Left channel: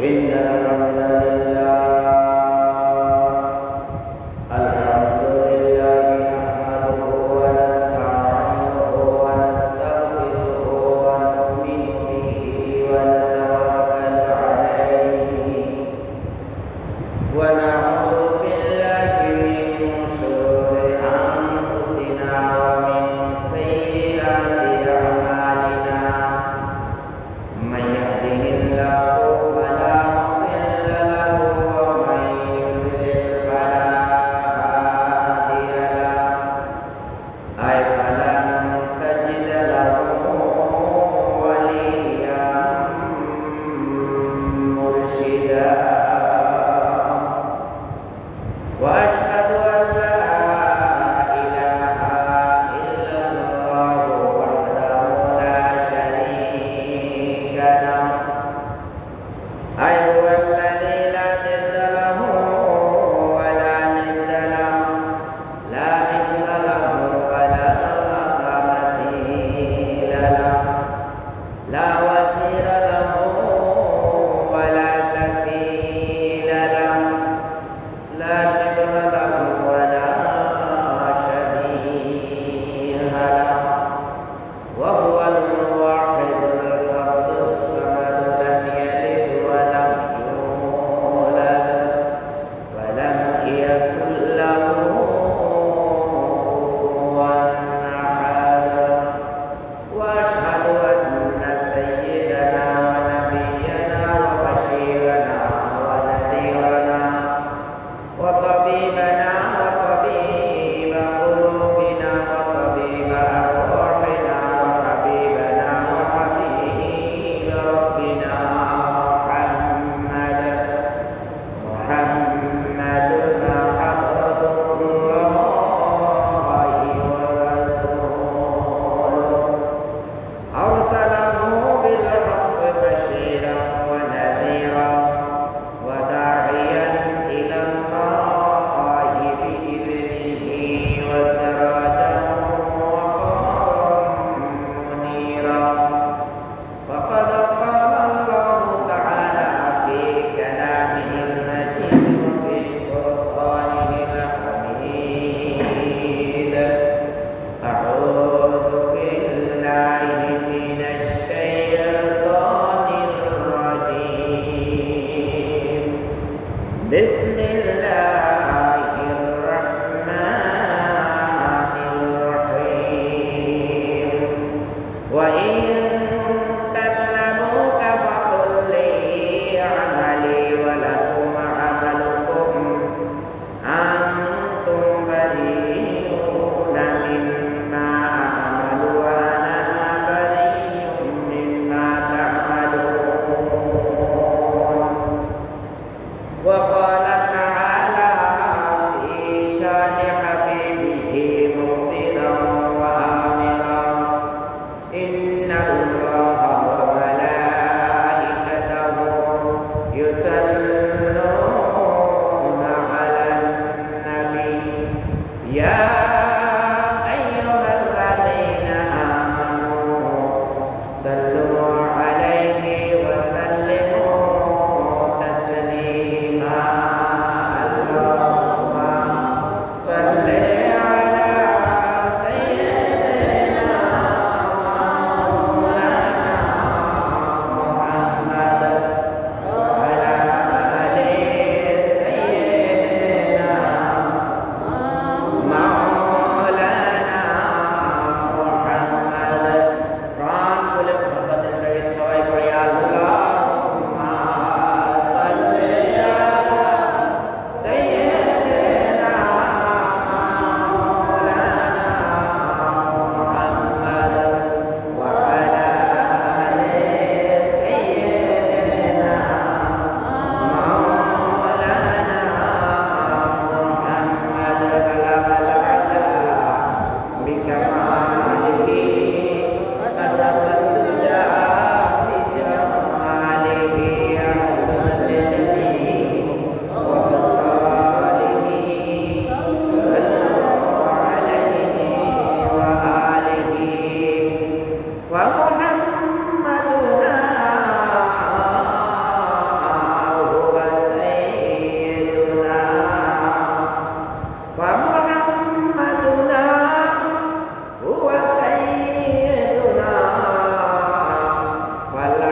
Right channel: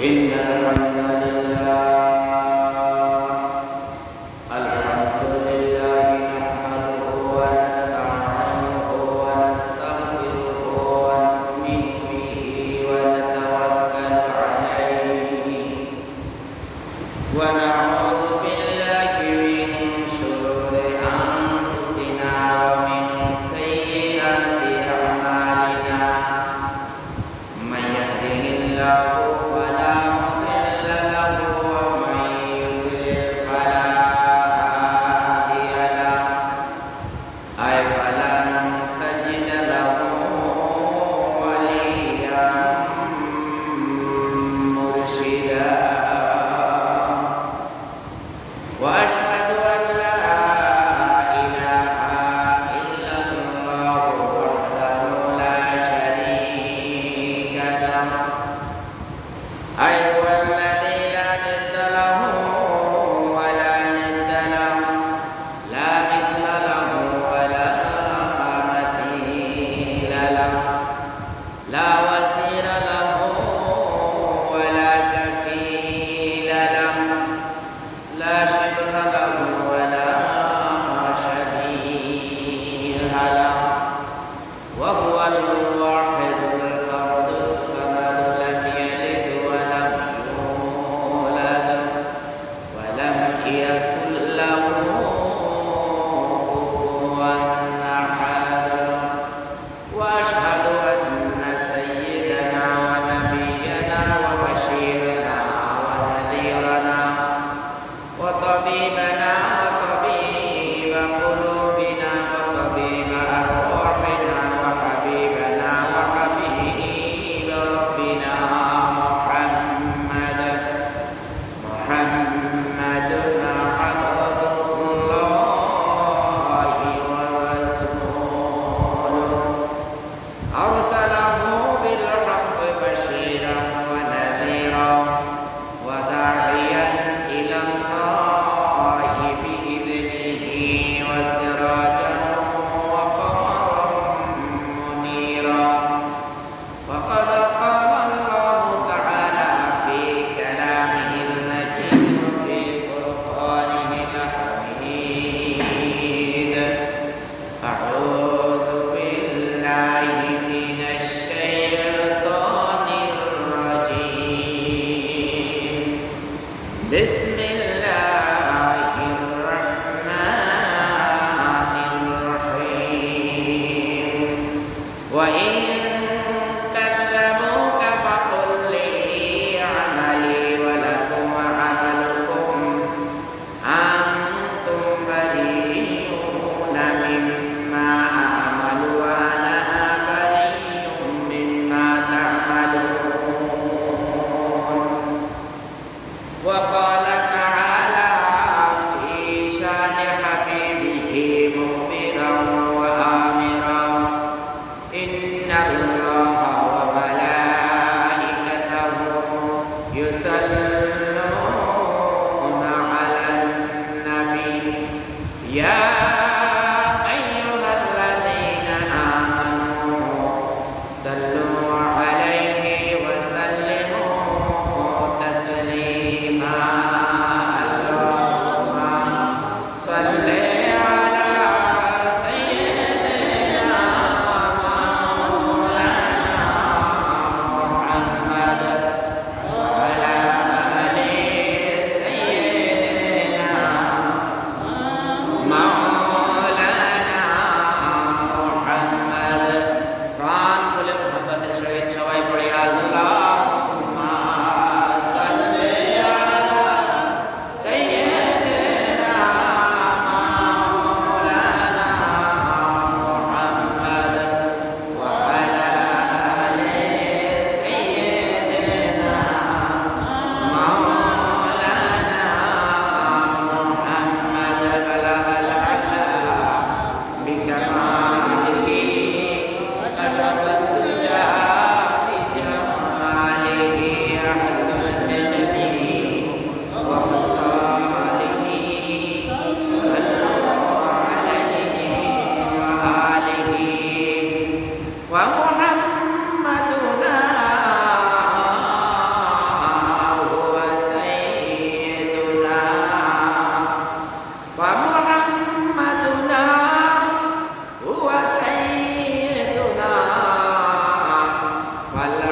إن الحمد لله نحمده ونستعينه ونستغفره ونؤمن به ونتوكل عليه ونعوذ بالله من شرور أنفسنا ومن سيئات أعمالنا من يهده الله فلا مضل له ومن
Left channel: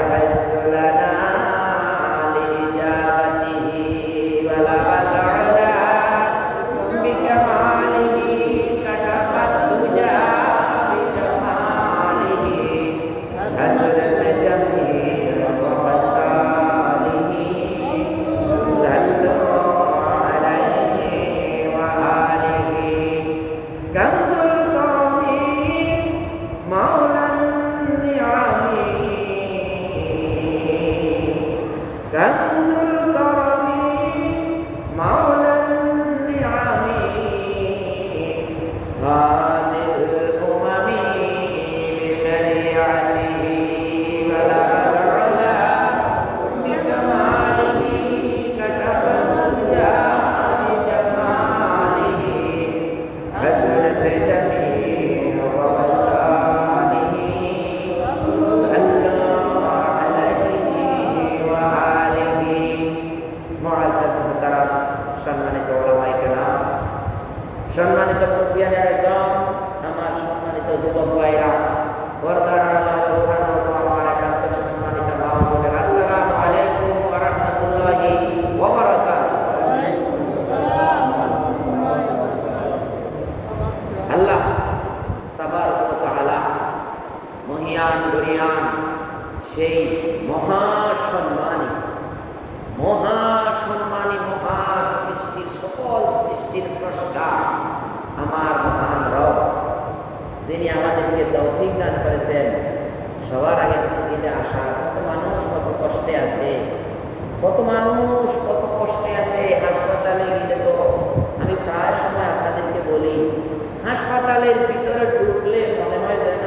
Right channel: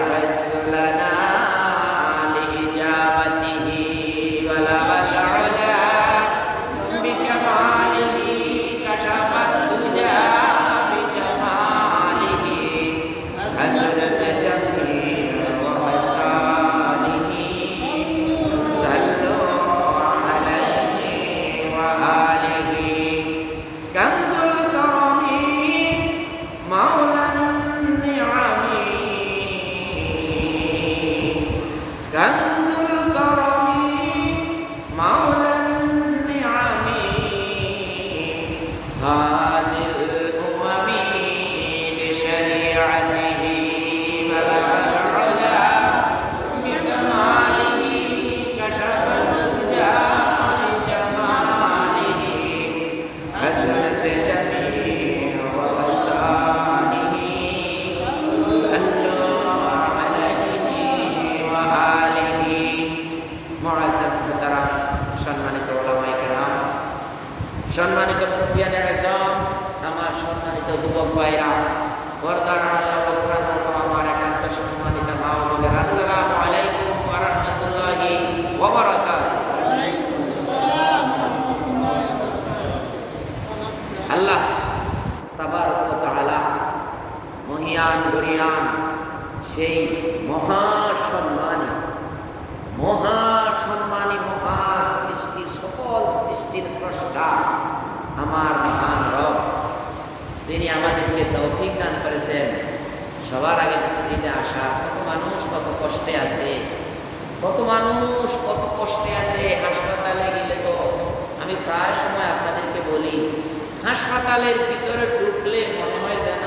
العز لنا لإجابته بلغ العلا بكماله كشف الدجى بجماله حسنت جميع وخصاله صلوا عليه وآله كنز الكرم مولى النعم كنز الكرم مولى النعم هادي الأمم بشريعته بلغ العلا بكماله كشف الدجى بجماله حسنت جميع وخصاله صلوا عليه وآله মুআজ্জাজ মুহতারাম, সম্মানিত উলামায়ে কেরাম, সম্মানিত মুরব্বিয়ানে আযম, আমার সম্মানিত যুবক ভাইরা, পর্দার আড়ালে অবস্থানরত আমার একান্ত সম্মানিত মা ও বোনেরা, আসসালামু আলাইকুম ওয়া রাহমাতুল্লাহি ওয়া বারাকাতুহু। আল্লাহ তাবারক ওয়া তাআলা মহিয়ান গরিয়ান সেই মহাসম্মানী মহা সৃষ্টির সকল সৃষ্টির স্রষ্টা আমার মহান রব, যিনি আমাদেরকে তৌফিক দান করেছেন সবার আগে মসজিদে আসা। কত মানুষ কত কষ্টে আছে, কত মানুষ কত কষ্টে আছে। হাসপাতালে গেলে তো আমি প্রায় সময় আপনাদেরকে বলি, হাসপাতালের ভিতরে ঢুকলে মনে হয় যেন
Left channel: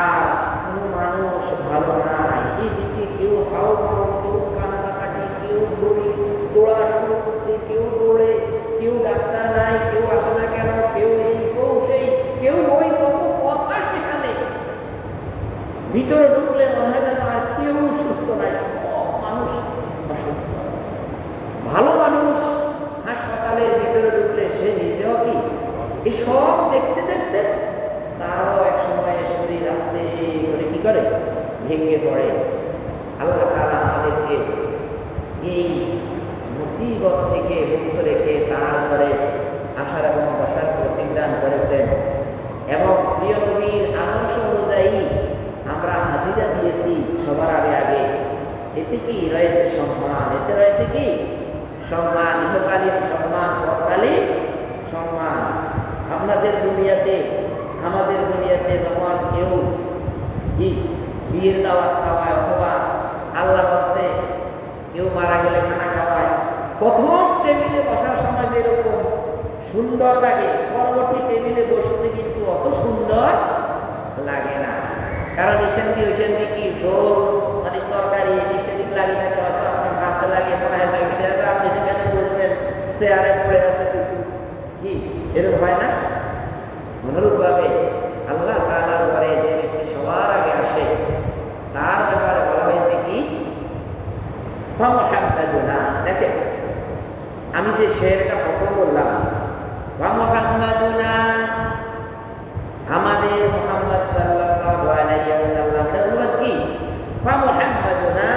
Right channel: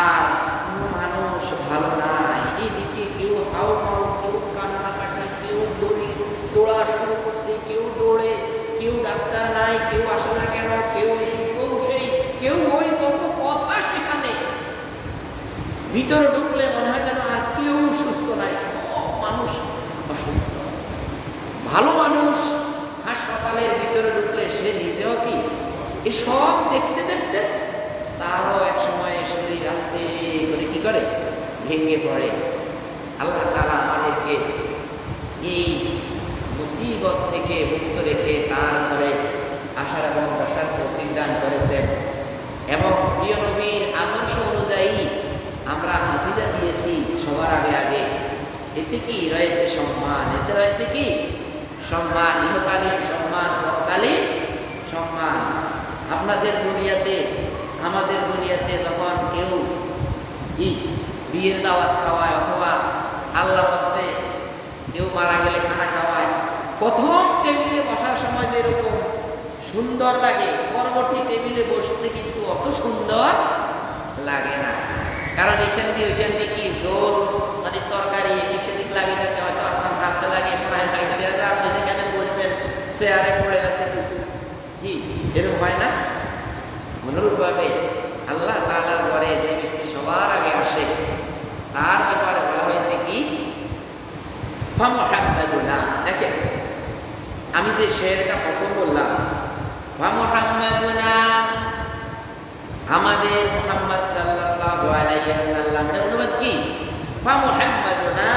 আর কোনো মানুষ ভালো নাই। এইদিকে কেউ হাউ মাউ, কেউ কান্নাকাটি, কেউ দৌড়া শুরু করছে, কেউ দৌড়ে, কেউ ডাক্তার নাই, কেউ আসে না কেন, কেউ এই কেউ সেই, কেউ ওই, কত কথা সেখানে। ভিতরে ঢুকলে মনে হয় যেন আর কেউ সুস্থ নাই, সব মানুষ অসুস্থ। ভালো মানুষ হাসপাতালের ভিতরে ঢুকলে সে নিজেও কি এসব দেখতে দেখতে তারও এক সময় শরীর আস্তে করে কি করে ভেঙে পড়ে। আল্লাহ তাআলা আমাদেরকে এই মুসিবত থেকে মুক্ত রেখে তার ঘরে আসার এবং বসার তৌফিক দান করেছেন এবং প্রিয় নবীর আদর্শ অনুযায়ী আমরা হাজিরা দিয়েছি সবার আগে আগে। এতে কি রয়েছে সম্মান, এতে রয়েছে কি সম্মান, ইহকালীন সম্মান, পরকালীন সম্মান। আপনাদের দুনিয়াতে আমাদের দুনিয়াতে যখন কেউ বিয়ের দাওয়াত খাওয়ায় অথবা আল্লাহর হস্তে কেউ মারা গেলে খানা খাওয়ায়, প্রথম টেবিলে বসার সময় যেরকম সুন্দর লাগে, পরবর্তী টেবিলে বসতে কিন্তু অত সুন্দর লাগে না। কারণ এখান দিয়ে ওইখান দিয়ে কি ঝোল মানে তরকারি এদিক সেদিক লাগিয়ে থাকে, হয়তো আপনার হাতে লাগিয়ে পড়ায় লাগিয়ে দেওয়া যায়, আপনি যেখানে বসবেন চেয়ারে পড়ে আছে কিছু, কি এরকম হয় না? অনুরূপভাবে আল্লাহ তাআলার ঘরে যে ব্যক্তি সবার আগে আসে তার ব্যাপারে বলা হয়েছে কি মুহাম্মাদুনা। দেখেন আমি যে শেরটা প্রথম বললাম মুহাম্মাদুনা, আমাদের মুহাম্মদ সাল্লাল্লাহু আলাইহি ওয়াসাল্লাম, এর অনুবাদ কি মুহাম্মাদুনা।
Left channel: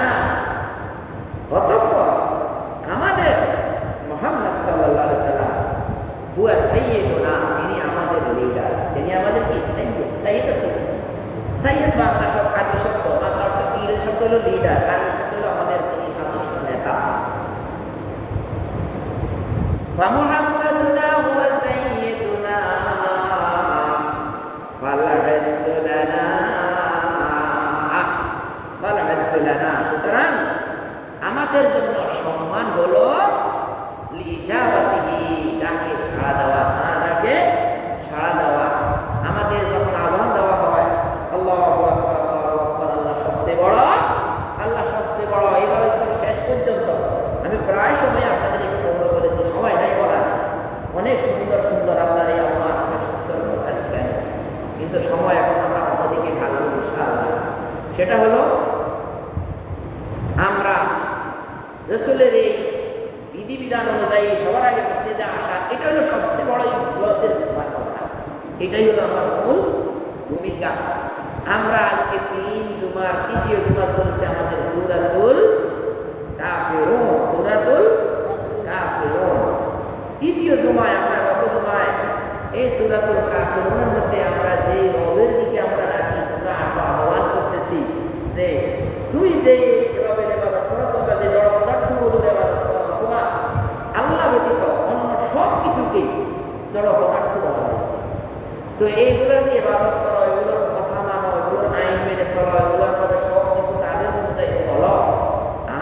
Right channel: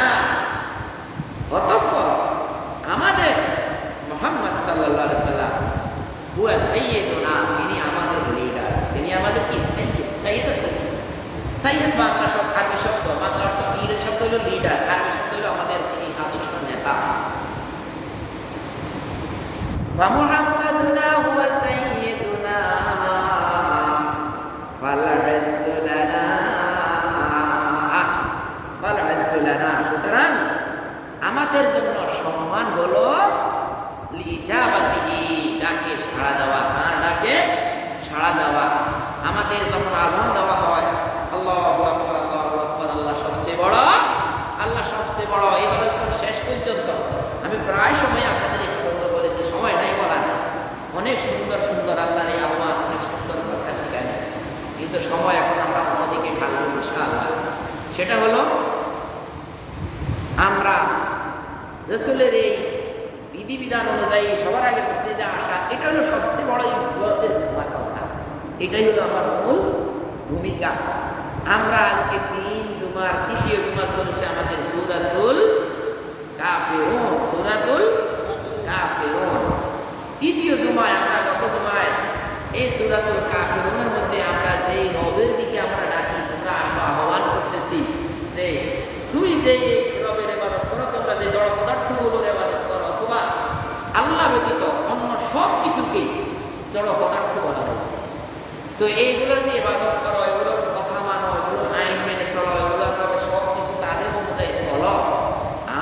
অতঃপর আমাদের মুহাম্মদ সাল্লাল্লাহু আলাইহি ওয়াসাল্লাম হুয়া সাইয়্যিদুনা, তিনি আমাদের লিডার, তিনি আমাদের কি সাইয়্যিদ। সাইয়্যিদ বাংলা শব্দ, আরবি শব্দ, বাংলা অর্থ ইংরেজি শব্দ হলো লিডার, আরবি শব্দ হলো আমাদের কি আদর্শ নেতা। মুহাম্মাদুনা হুয়া সাইয়্যিদুনা ফাল ইজ্জু লানা, ফাল ইজ্জু লানা। সুতরাং আমাদের জন্য সম্মান হলো লিজাবাতিহি, ডাকে সাড়া দেওয়া, তার ডাকে সাড়া দেওয়া। আমাদের যখন আযান দেওয়া হয় আল্লাহু আকবার, আল্লাহু আকবার, আল্লাহ সবচেয়ে বড়, আল্লাহ সবচেয়ে বড়, এইভাবে শেষ পর্যন্ত আমি প্রায় সময় আপনাদের এই কথাগুলো বলেছি, সময় নাই বলার। অনেক সুন্দর সুন্দর আল্লাহর এই আহ্বান, অনেক সুন্দর কথা সেখানে, কিন্তু সময় এখন আমরা অন্যদিকে ঢালব ইনশাআল্লাহ। সেটা হলো আমরা রাসূলের এই বিধিবিধান অনুযায়ী সবার আগে মসজিদে আসা, এটা হলো সবচেয়ে বড় ইজ্জতের কথা। এটাই হলো আমার মূল ভূমিকা। আমরা আজকে জুমার তৃতীয় জুমা চলছে আমাদের সূরাতুল কাফিরুন। সূরাতুল কাফিরুন তৃতীয় জুমায়, আমরা গত জুমায় এই সূরাতুল কাফিরুনের মধ্যে আমরা যে রবের দিকে আমরা ডাকি, তোমরা আসো, আহ্বান করতেছি যে তুমি যে রবের ইবাদত করো, তোমরা যে জড় পদার্থগুলোর ইবাদত করো, অথবা আল্লাহ ব্যতীত অন্য সব কিছুকে জড় পদার্থ বলা হয়েছে। তো এইগুলোর যে ইবাদত করো, এগুলোর কথা মানো, এগুলোর আইন মেনে চলো, এগুলোর ভাবে সব কিছু তাদের অনুযায়ী চলো।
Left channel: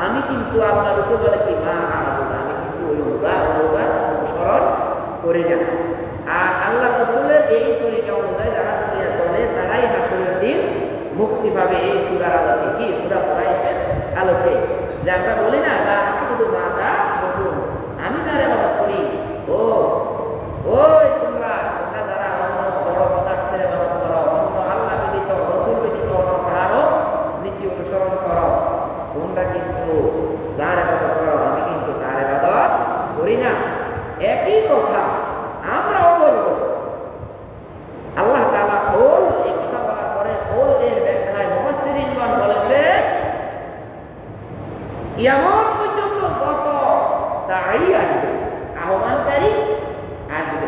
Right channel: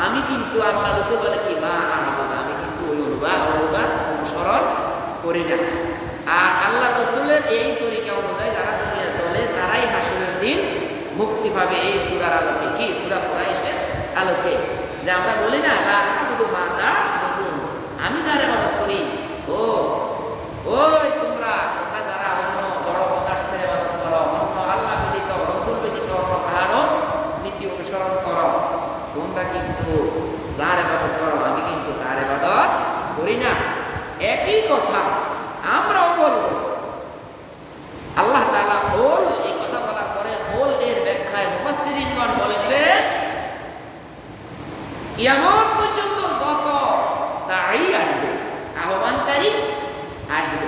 আমি কিন্তু আল্লাহ রাসূল বলে কি মা আবুদ, আমি কিন্তু ওই অনুসরণ করি না। আর আল্লাহ রাসূলের এই তরিকা অনুযায়ী যারা দুনিয়া চলে তারাই হাসরের দিন মুক্তি পাবে। এই সূরার আলোকে, কি সূরা কুরাইশের আলোকে, যে আমরা বলি না লা আবুদু মা তা'বুদুন, আমি যার ইবাদত করি, ওই তোমরা যারা অন্য জড় পদার্থের ইবাদত করো, অন্য আল্লাহ ব্যতীত রাসূল ব্যতীত অন্য কারো নীতি অনুসরণ করো, তোমরা কিন্তু যার ইবাদত করো, আমি কিন্তু তার ইবাদত করি না। একই কথা আমরাও বলবো। আল্লাহ তাআলা ওল এই কথা বলার পরে ওল এর ব্যাখ্যায় মুফাসসিরিনগণ বলেছে কিয়ামত পর্যন্ত যত দাঈ আসবে, আহ্বানকারী আসবে,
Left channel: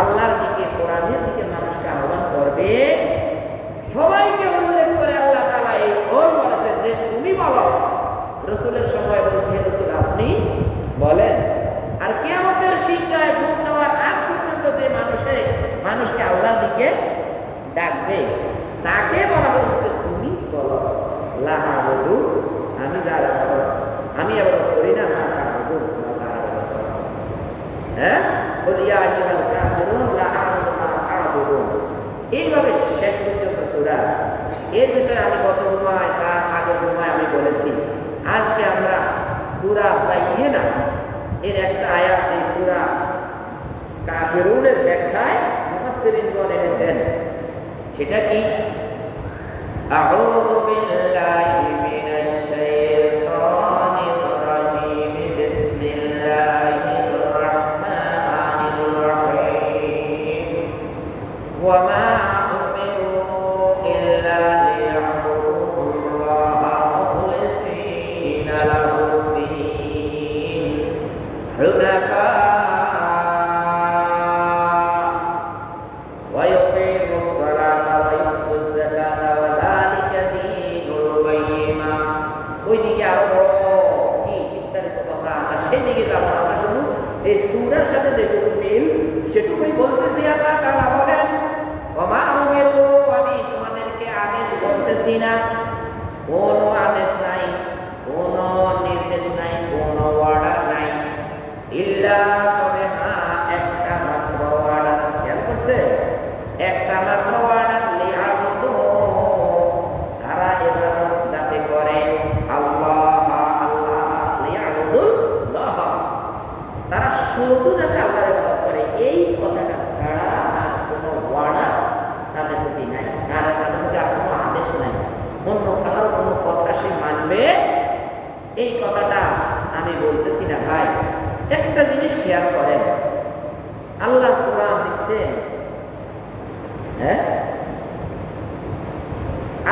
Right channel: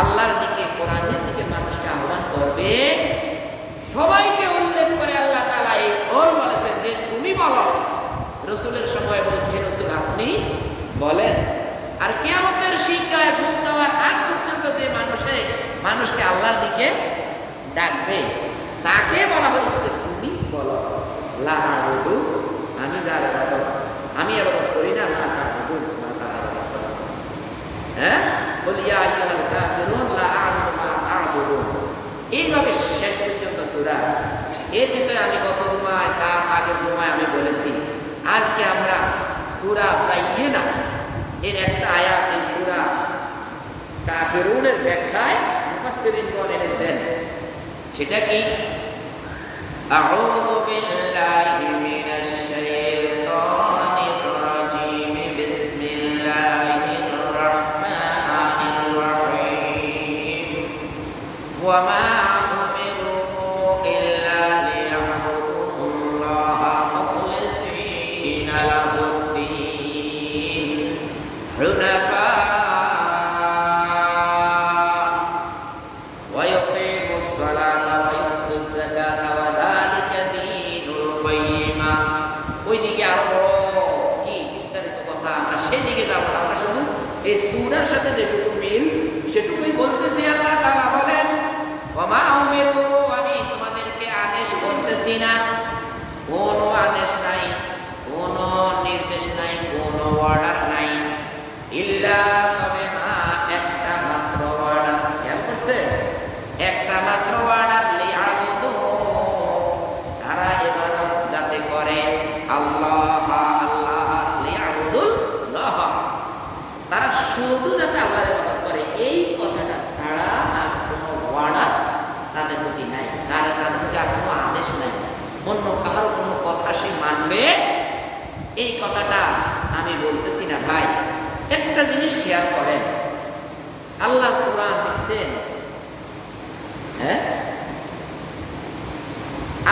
আল্লাহর দিকে, কোরআনের দিকে মানুষকে আহ্বান করবে, সবাইকে উল্লেখ করে আল্লাহ তাআলা এই ওল বলেছেন যে তুমি বলো। রাসূলের সময় বলছে হে রাসূল আপনি বলেন। আর কিয়ামতের সিংহায় ফুঁক দেওয়ার আগ পর্যন্ত যে মানুষকে আল্লাহর দিকে ডাকবে, তাকে বলা হয়েছে যে তুমি বলো লা আবুদু, আমি যার ইবাদত, আমি ইবাদত করি না, মা তা'বুদুন, তোমরা তার ইবাদত করো। হ্যাঁ, বল ইয়া আইয়ুহাল কাফিরুন লা আ'বুদু মা তা'বুদুন। এইভাবে শেষ পর্যন্ত সূরা। এর ভিতরে আমি গত জুমায়, তার আগের জুমায় আমি বলেছি, আজকে আমরা সূরা বাইয়িনা এর একটা আয়াত এই সূরা কাফিরুনের ব্যাখ্যায় মুফাসসিরিনগণ এনেছেন। সেটা কি? আউযু বিল্লাহি মিনাশ শাইতানির রাজীম, বিসমিল্লাহির রাহমানির রাহিম। ওয়া মা উমিরু ইল্লা লিয়া'বুদুল্লাহা মুখলিসিনা লাহুদ-দীন হুনাফা ওয়া ইউকিমুস সালাতা ওয়া ইউতুজ যাকাতা ওয়া যালিকা দীনুল কাইয়্যিমা। ওইদিকে আরো বড় কি বিস্তারিত কথা, আমরা সেই দিকে যাব না। আমরা শুধু এই সূরার সাথে যেটুকু মিল সেটুকুই বলতেছি। আল্লাহ তাআলা বলেন ওয়া মা উমিরু, আমি তোমাদেরকে আদেশ করতেছি না, কোনো আদেশ নাই, কোনো নির্দেশ নাই, কোনো অর্ডার নাই, ইল্লা, তবে হ্যাঁ একটা মাত্র অর্ডার। খেয়াল করছে? একটা মাত্র অর্ডার, লিয়াবুদু, তারা ইবাদত যাতে করে আল্লাহ, লিয়াবুদুল্লাহ, তারা শুধু যাতে আল্লাহর ইবাদত করে, এই কথাটা ছাড়া আর কোনো অর্ডার তাদের প্রতি নাই, আর তাদের প্রতি আর কোনো আদেশ নাই। অন্য কারো কোনো কথা সে মানবে, এই কথাটা আমি বলতেছি না ভাই। একটা জিনিস খেয়াল করেন, আল্লাহ কোরআন দেখছেন, হ্যাঁ,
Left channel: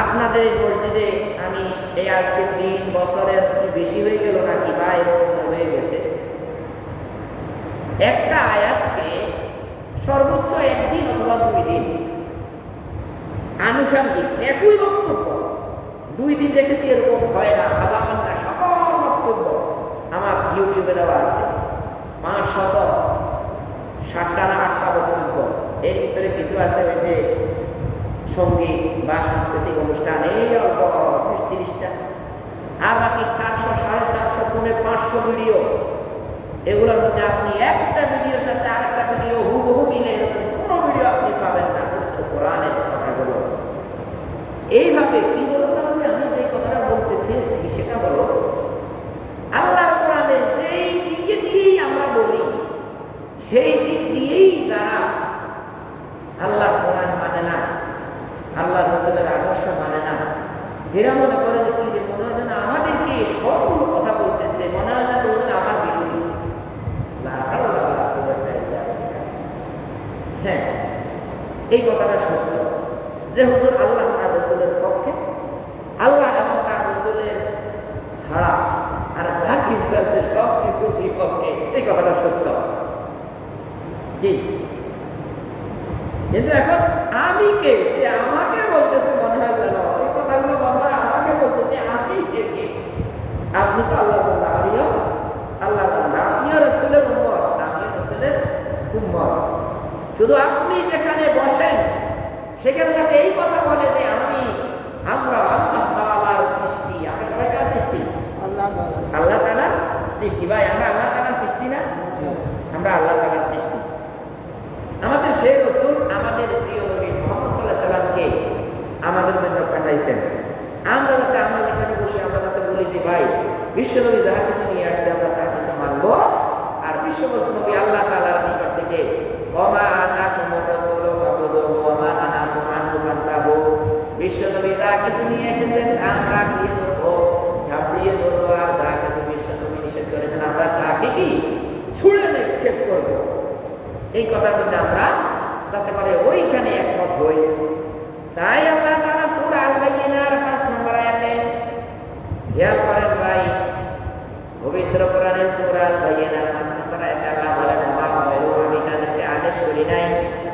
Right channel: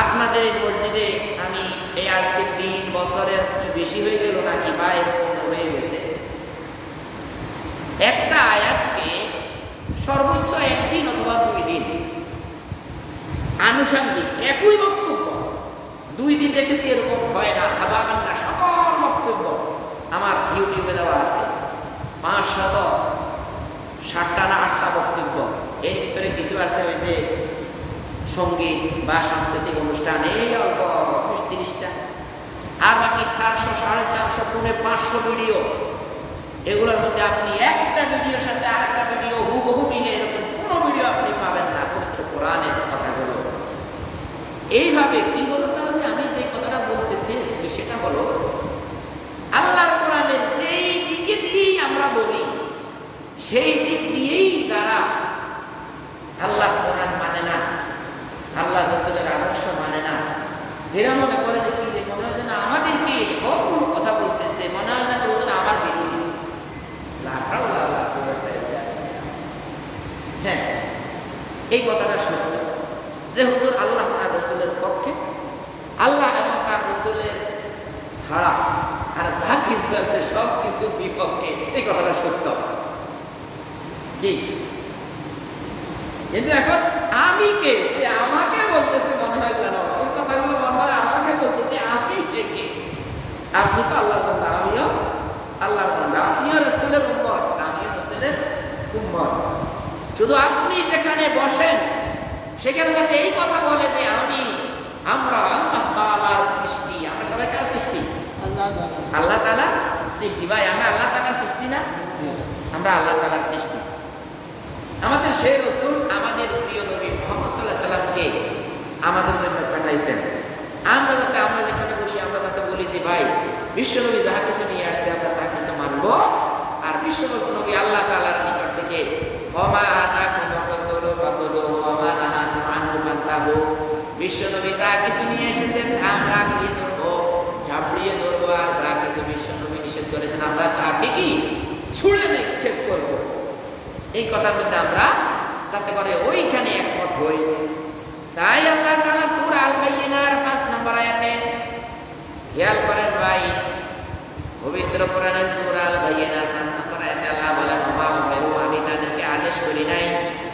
আপনাদের এই মসজিদে আমি এই আজকে 3 বছরের কি বেশি হয়ে গেল নাকি বা এরকম হয়ে গেছে, একটা আয়াতকে সর্বোচ্চ 1 দিন অথবা 2 দিন আনুষঙ্গিক একই বক্তব্য 2 দিন রেখেছি, এরকম হয় না। ভাবাবেন না, সকল বক্তব্য আমার ইউটিউবে দেওয়া আছে, 560টা না 8টা বক্তব্য। এর ভিতরে কিছু আছে ওই যে সঙ্গীত বা সাংস্কৃতিক অনুষ্ঠান, এই অল্প 20-30টা, আর বাকি 400, 450, 500 ভিডিও। এগুলোর মধ্যে আপনি একটা ভিডিওর সাথে আরেকটা ভিডিও হুবহু মিলে এরকম কোনো ভিডিও আপনি পাবেন না পবিত্র কোরআনের কথাগুলো। এইভাবে কি হলো তাহলে? আমি যে কথাটা বলতে চেয়েছি সেটা হলো আল্লাহর কোরআনের যেই দিকে দিয়েই আমরা বলি, সেই দিক দিয়েই যারা আল্লাহর কোরআন মানে না, আল্লাহ রাসূলের আদর্শ মানে না, এরা মনে করে যে কি, মনে হয় যেন আমাদেরকে সবগুলো কথা বলতেছে, মনে হয় যেন ওজন আমার বিরোধী। হ্যাঁ, এই কথাটা সত্য। যে হুজুর আল্লাহ তার রসুলের পক্ষে, আল্লাহ এবং তার রসুলের ছাড়া আর যা কিছু আছে সব কিছুর বিপক্ষে, এই কথাটা সত্য কি? কিন্তু এখন আমি কে যে আমাকে বলতেছে, মনে হয় যেন এই কথাগুলো মনে হয় আমাকে বলতেছে, আমি কে? আপনি তো আল্লাহর বান্দা, আমিও আল্লাহর বান্দা, আপনিও রাসূলের উম্মত, আমিও রাসূলের উম্মত। শুধু আপনি যেখানে বসেন সেখানে যাতে এই কথা বলে যে আমরা আল্লাহ তাআলার সৃষ্টি। আমরা সবাই কার সৃষ্টি? আল্লাহ তাআলার সৃষ্টি। ভাই আমরা আল্লাহ তাআলার সৃষ্টি না? আমরা আল্লাহ তাআলার সৃষ্টি। আমাদের সেই রাসূল, আমাদের প্রিয় নবী মুহাম্মদ সাল্লাল্লাহু আলাইহি সাল্লামকে আমাদের জন্য পাঠাইছেন। আমরা যেখানে বসি আমরা যাতে বলি যে ভাই বিশ্ব নবী যাহা কিছু নিয়ে আসছে আমরা তাহা কিছু মানব। আর বিশ্ব নবী আল্লাহ তাআলার নিকট থেকে ওমা আতাকুমুর রাসূলু ফাখুযুহু ওয়া মা নাহাকুম আনহু ফান্তাহু, বিশ্ব নবী যা কিছু নিয়ে এসেছেন আমরা আঁকড়িয়ে ধরবো, ঝাঁপড়িয়ে ধরবো, আর যা কিছু বিশ্ব নবী নিষেধ করেছেন আমরা তাকে কি ছুঁড়ে নিক্ষেপ করব। এই কথার মধ্যে আমরা যাতে করে ওইখানে একমত হই। তাই আল্লাহ তাআলা সূরা আল বাইয়িনার 5 নম্বর আয়াতে খেয়াল করেন ভাই, পবিত্র কোরআনের সূরা আল বাইয়িনার 5 নম্বর আয়াতে আল্লাহ বলেন ওমা উমিরু, আমি তাদেরকে আদেশ করি নাই,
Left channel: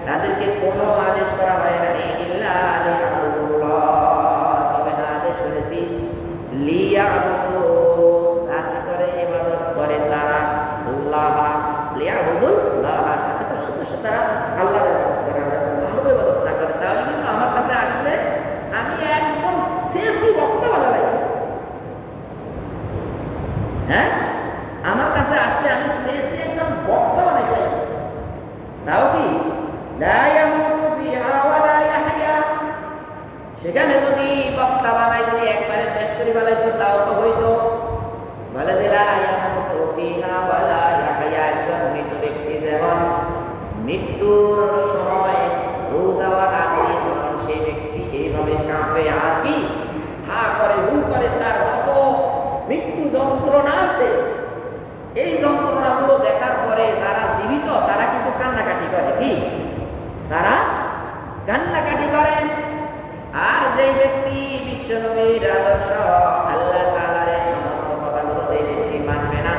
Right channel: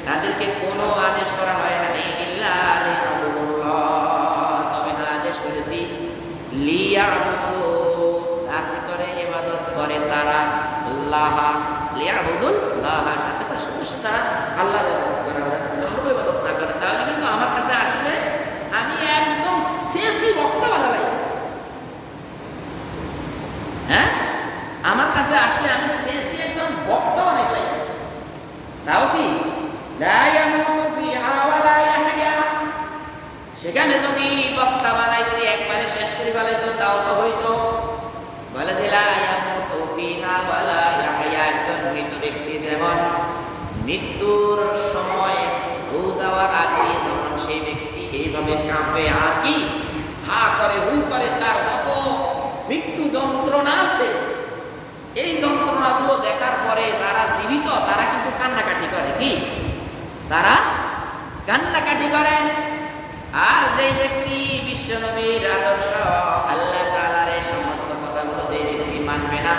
তাদেরকে কোনো আদেশ করা হয় নাই ইল্লা লিয়াবুদুল্লাহ, তবে না আদেশ করেছি লিয়াবুদু, যাতে করে ইবাদত করে তারা আল্লাহ, লিয়াবুদুল্লাহ, সাথে করে শুধু তারা আল্লাহর ইবাদত করে, আল্লাহর ইবাদত না করে, তাহলে কিন্তু আমার কাছে আসলে আমি একদম শেষই বক্তা বানালাই। হ্যাঁ, আমার কাছে আসলে আমি শেষই একদম বক্তা বানাই গেলাম। তাও কি লা ইয়ামুতু ফিহা ওয়া লা ইয়াহইয়া, সেখানে যদি বক্তা বানাই যদি একবারে শেষ করে ফেলাইতো তাও তো হইতো। বলে যে লা ইয়ামুতু ফিহা ওয়া লা ইয়াহইয়া, একজন মৃত ব্যক্তি যেমন মৃত্যুর সময় রু যাওয়ার আগে যখন সেই ব্যক্তি এইভাবে কাঁপে আর কি হা করে হু করে, তার যত মৃত্যু যন্ত্রণা আছে এই যন্ত্রণাগুলো দেখার পরে যারা জীবিত তারা কিন্তু কান্নাকাটি করে, কি তারা কান্নাকাটি করে। আর যেই ব্যক্তি বিশ্বনবীর আদর্শ আল্লাহ তাআলার এই সমস্ত কথাগুলো যে ব্যক্তি মানবে না,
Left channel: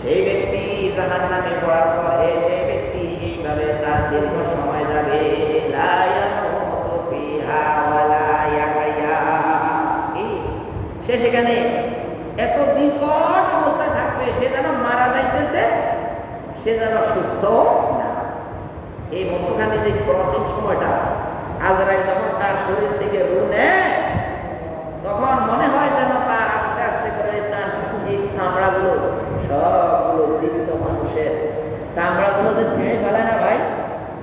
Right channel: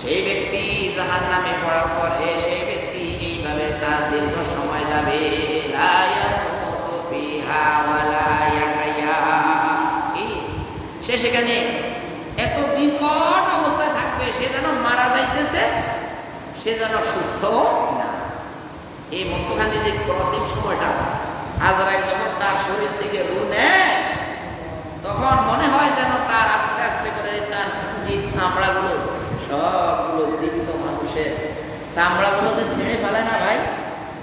সেই ব্যক্তি জাহান্নামে পড়ার পরে সেই ব্যক্তি এইভাবে তার দীর্ঘ সময় যাবে, লা ইয়ামুতু ফিহা ওয়া লা ইয়াহইয়া, সে সেখানে এত বিকট অবস্থায় থাকবে, সে যেন মারা যাইতেছে, সে যেন সুস্থ না। এই মধ্যখানে যে ক্রসিং সময়টা, আজরাইল যখন তার শরীর থেকে রূহ নেয় তখন মনে হয় যেন তার আস্তে আস্তে করে তার এই চামড়াগুলো সবগুলো জীবিত মানুষের চামড়াগুলো যে ছিঁড়ে ফেলে না ভাই,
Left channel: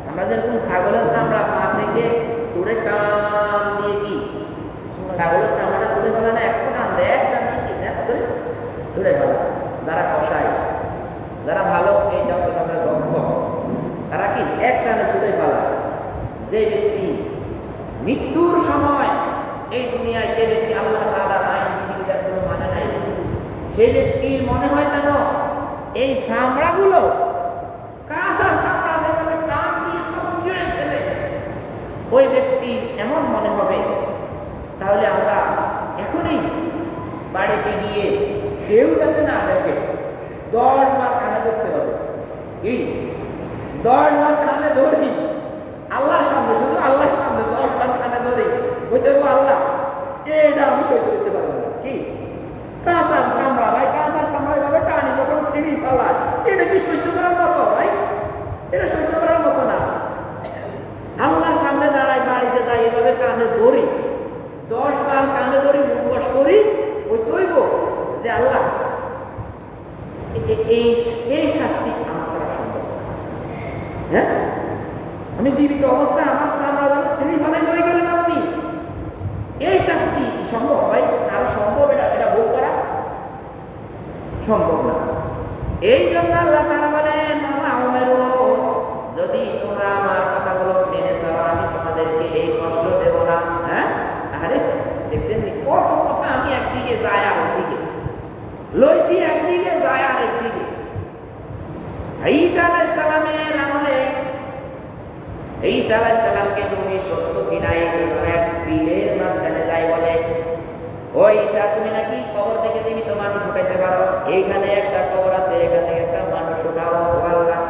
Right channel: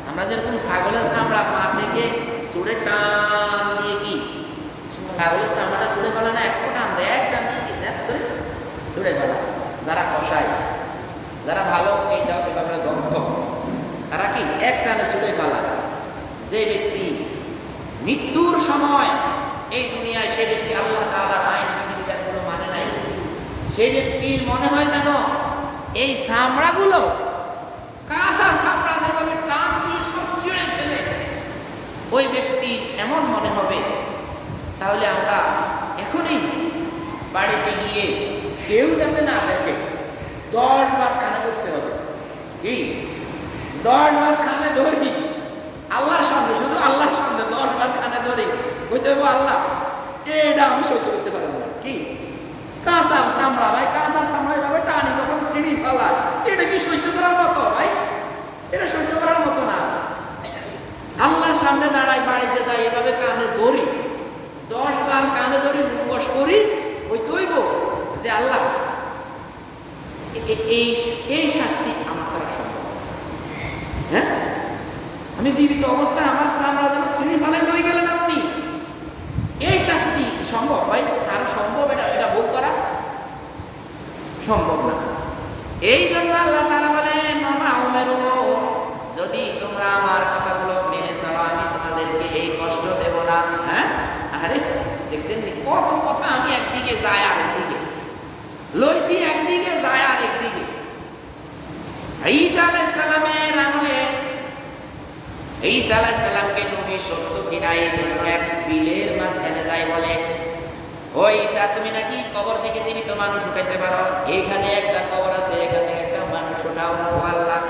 আমরা যেরকম ছাগলের চামড়া পা থেকে ছুঁড়ে টান দিয়ে কি ছাগলের চামড়াটা ছুঁড়ে ফেলে না, এক টান দেয়, এক টান দিয়ে কি জ্যাপ করে ছুঁড়ে ফেলা। যারা কষায়, যারা ভালো এই ব্যাপারে দক্ষ, তারা কি এক টানে ছুঁড়ে ফেলা। যে ব্যক্তি মৃত্যুর সময় এই দুনিয়ায় সে ব্যক্তি আল্লাহ তাআলার আইন বিধিবিধানগুলো মানে নাই, সেই ব্যক্তির মনে হয় যেন এই চামড়াগুলো কাঁচা চামড়া যেভাবে টান দিয়ে সব ছিঁড়ে ফেলে, ওই ব্যক্তির এমন মনে হবে। তাহলে আমরা এখনই বাড়িতে গিয়ে কেউ যাতে না দেখে 10 বার কানে ধরতে হবে, কি 10 বার কানে ধরি আল্লাহর সামনে, শুধু আল্লাহর সামনে 10 বার কানে ধরি, বলতে হবে আল্লাহ এটা আমি সহ্য করতে পারবো না। কি কাঁচা চামড়া ভাই, কাঁচা চামড়া এভাবে টানি যখন ছিঁড়ি ফেলায়, এটা কি সহ্য করার মতো ভাই? এটা সহ্য করার মতো না। আল্লাহর সামনে দাঁড়াই, বাড়িতে যাই, এভাবে কানে ধরি 10 বার কানে ধরি, উপবাস করি, ওই দইব যে আল্লাহ এই শাস্তি আমার দ্বারা সম্ভব না। হ্যাঁ, আমি জীবিত অবস্থায় আমার চামড়া যেন ছিঁড়ি ফেলেন লই গেলেন আপনি, এই শাস্তি সম্ভব ভাই? আরো সম্ভব এটা ভোগ করা সম্ভব না। এই জন্য আল্লাহ তাআলা বলেন মামা উমেরু, যদি তোমরা আমার কথাগুলো মেনে চলো আমি তোমাদেরকে এই কষ্ট দেব না। হ্যাঁ, আরে দেখছেন কত কথা, আমি একদিকে যাই আর একদিকে লইছি, একদিকে যায় আর একদিকে। ঈসা আলাইহিস সালামের আমলে ঈসা আলাইহিস সালামকে নবী সত্য কিনা এই জন্য এক বিলের মাঝখানে যায় বলে, ও ঈসা তুমি নাকি কবর থেকে জীবিত মানুষ উঠাইতে পারো, এইখানে একটা কবর আছে, এখান থেকে একটা মানুষ উঠাও। ও আল্লাহ,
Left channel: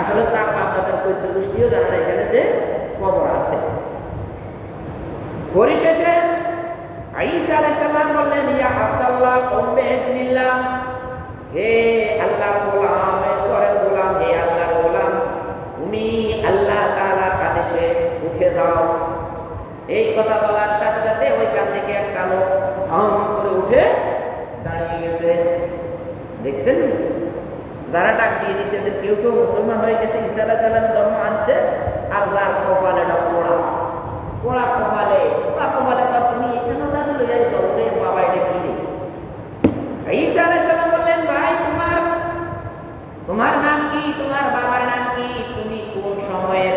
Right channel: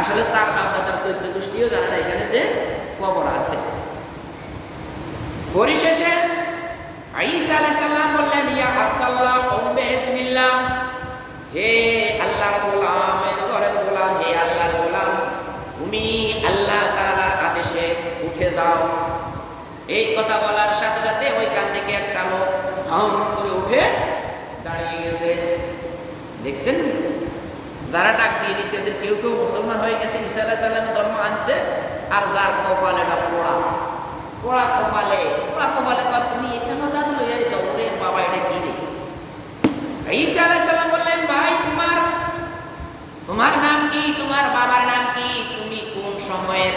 আসলে তার বাপ-দাদার 14 গোষ্ঠীও জানে না এখানে যে কবর আছে। পরিশেষে ঈসা আলাইহিস সালাম বললেন, ইয়া আব্দুল্লাহ কুম বিইজনিল্লাহ, হে আল্লাহর গোলামের ঘরের গোলাম, হে আল্লাহর গোলাম, তুমি আল্লাহ তাআলার আদেশে উঠে যাও। এই কথা বলার সাথে সাথে ওইখান থেকে একটা লোক ধম করে উঠে দাঁড়িয়ে গেছে। দেখছেন যারা ডাক দিয়ে দিচ্ছে এদের কেউ কেউ মুসলমান হয়ে গেছে, ঈসা আলাইহিস সালামের ধর্ম আনছে, আর যার কপাল এটা পোড়া পোড়া কপালে তুমি এখানেও জাদু লই আইছো, ওরে বাবা এটা কি রে। ঈসা আলাইহিস সালাম বললেন, ভাই তোমার নাম কি, তোমার বাবার নাম কি, তুমি কোন সময়ের?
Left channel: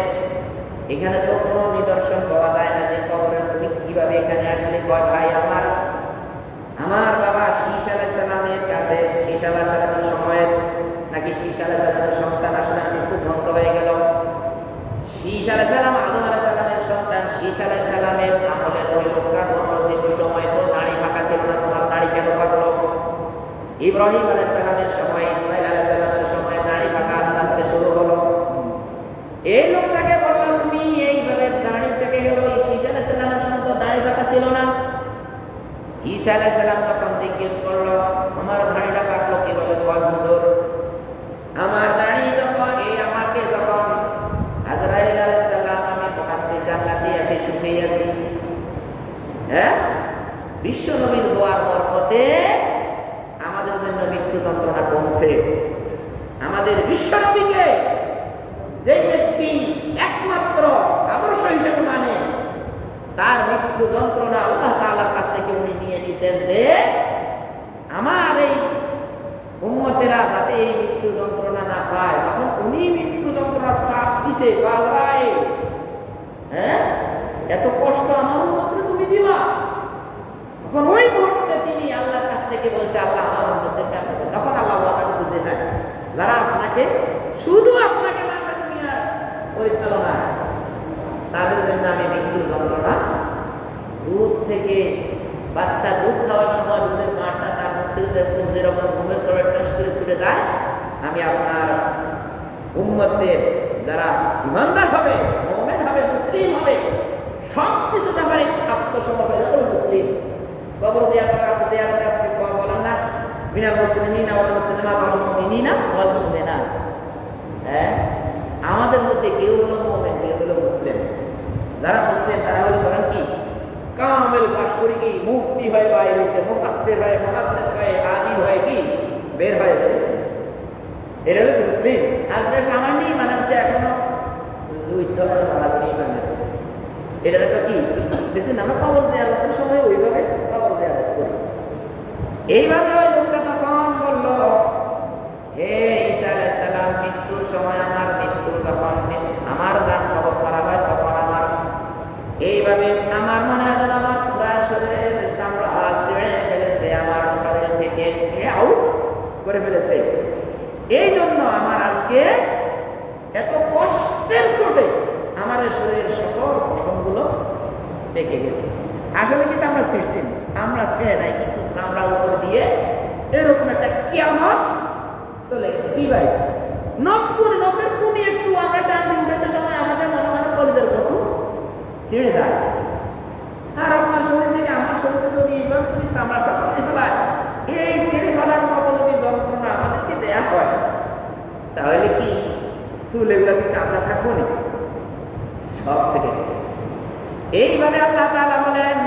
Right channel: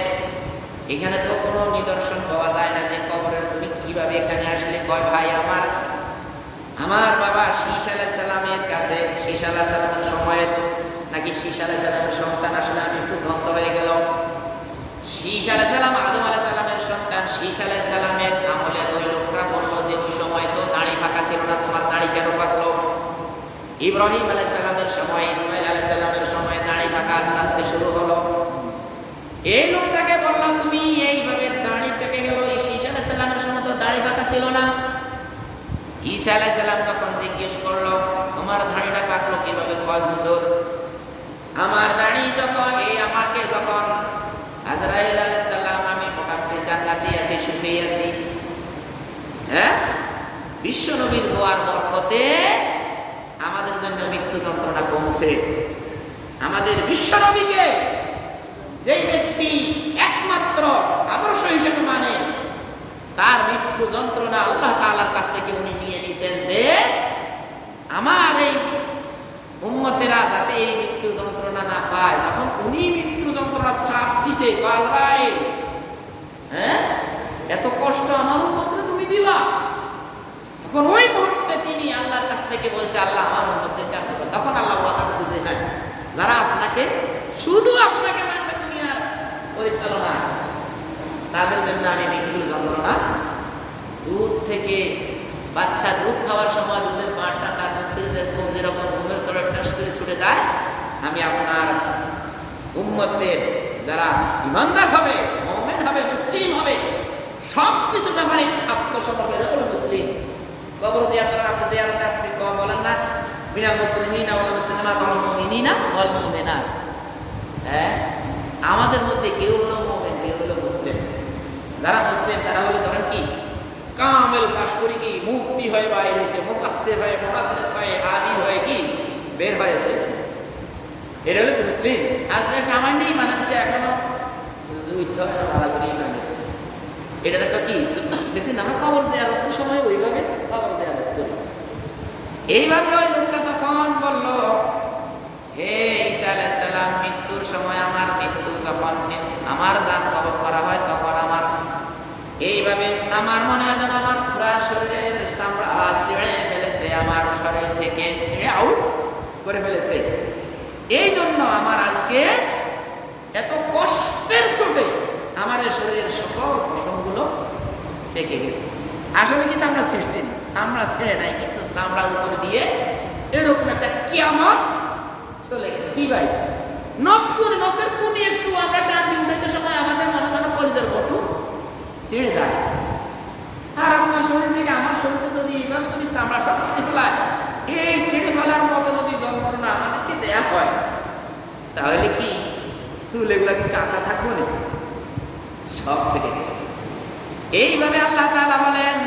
এখানে তো কোনো নিদর্শন পাওয়া যায় না যে কবরের, তুমি কিভাবে এখানে আসলে? কয় ভাই আমার বাবা শীশ আলাইহিস সালামের কাছে, শীশ আলাইহিস সালামের সময়ের নাকি শীশ আলাইহিস সালামের সন্তান, আসলে আমি একটু দ্বন্দ্ব হয়ে গেল। শীশ আলাইহিস সালাম আদম আলাইহিস সালামের সন্তান, শীশ আলাইহিস সালামের আমলের ওই লোকটা বললো যে ওই সময় তো দাড়ি পাকা ছিল না, তোমার দাড়ি কেন পাকলো? ইব্রাহিম আলাইহিস সালামের সময়, ইসমাইল আলাইহিস সালামের সময় দাড়ি পাকা আস্তে আস্তে শুরু হলো। এই লোকটাকে বললো তুমি এইভাবে দাড়ি পেকে গেল, এই শীশ আলাইহিস সালামের সময় তো দাড়ি পাকা ছিল না। ঈসা আলাইহিস সালাম তখন জিজ্ঞেস করলো, তোমার দাড়িটা পাকলো কিভাবে? কয় হুজুর, আমার দাড়ি আমাকে যখন আজরাইল আলাইহিস সালাম, আমি মোটামুটি জান্নাতে আছি, সুখে আছি, হ্যাঁ, বিশ্ব নবীর দোয়ার বরকতে আমাদের জন্য মৃত্যু যন্ত্রণা কমছে। আমাদের বিশ্ব নবীকে যেই ব্যক্তি একমাত্র আদর্শ হিসেবে মানে, তার মৃত্যু যন্ত্রণা আল্লাহ তাআলার কাছ থেকে উনি নিয়ে নিছেন, যে আমার এই উম্মতেরা যাতে এই মৃত্যু যন্ত্রণা না পায়। যখন উনি মৃত্যু যন্ত্রণার ছাপ দিছে, আজরাইল, হ্যাঁ, এত কষ্ট আমার উম্মতকে তুমি দিবা, তখন ওই মুহূর্তে তিনি আল্লাহর কাছ থেকে বলছে, আল্লাহ আমার উম্মতদেরকে আপনি। তখন আল্লাহ ওয়াদা করছে যে হ্যাঁ, যারা শুধু আপনাকে মানবে দুনিয়ার পরিচালনা, তাদের জন্য আমি মৃত্যুর যন্ত্রণা, দুধ থেকে বাচ্চা দুধ খাওয়ার সময় দুধের পাড়টা তার মুখ থেকে যেরকম ঘুমের তোড়ে টাস করে ছুটে যায়, আমি আপনার উম্মতদের যারা ইমানদার হবে, মুমিন হবে, মুসলিম হবে, সব কিছু ব্যাপারে আত্মসমর্পণ হলো মুসলিম। কবর জিয়ারতে আপনি বলেন না, মিনাল মুসলিমিনা ওয়াল মুসলিমাত ওয়াল মুমিনিনা ওয়াল মুমিনাত, হ্যাঁ, আমাদের মধ্যে কেউ হলো মুমিন, কেউ হলো মুসলিম। যারা মুসলিম তারা হলো ধরেন কি কামেল পাশ করে কি মুফতি হয়ে বাইরে হয়েছে, মুফাসসির হয়ে, মুহাদ্দিস হয়ে, আলিম হয়ে কি বের হয়েছে, এটা হলো মুসলিম। আজকে সামান্যই মানাচ্ছে, এখনো যুদ্ধ হয় না, ভালো করে মানে এটা একটা কি দেখছেন, আমরা কবর জিয়ারতের সময় ওইভাবে কবর জিয়ারত করি। এইভাবে ওই লোকটা তখন বলল, হে ঈসা আলাইহিস সালাম, মৃত্যুর সময় আমার মৃত্যু যখন আমার জান কবজ করা হয়, তখন আমার এইভাবে আমার মনে হয় যেন আমার পুরা শরীরের চামড়া ছিঁড়ে ফেলেছে, আমার শরীর থেকে ছিঁড়ে আউট করে ফেলেছে। এই জন্য আমার আজকে এত কষ্টের চোটে আমার শরীরের সকল পশমগুলো পেকে গেছে। আসলে কি চামড়া ছিঁড়ছে না, চামড়া ছিঁড়ে নাই, কিন্তু চামড়ার উপর দিয়ে এরকম একটা কিয়ামত চলে গেছে। কি ভাই, নখের কুনি একটু আমরা টান দিয়ে উঠাইতে সময় আমাদের মনে যেন কলিজার বটু ছিঁড়ে যায়। আর আপনার শরীর থেকে আমার শরীরে যদি এইভাবে যদি চামড়া সব ছিঁড়ে ফেলায়, এই ছিঁড়ে ফেলার মতো যদি যন্ত্রণা আমাদেরকে দেয়া হয়, তাহলে কি চুল এগুলা কি কাঁচা থাকবো না? সব পেকে গেছে। এইভাবে আল্লাহ তাআলা বলেন,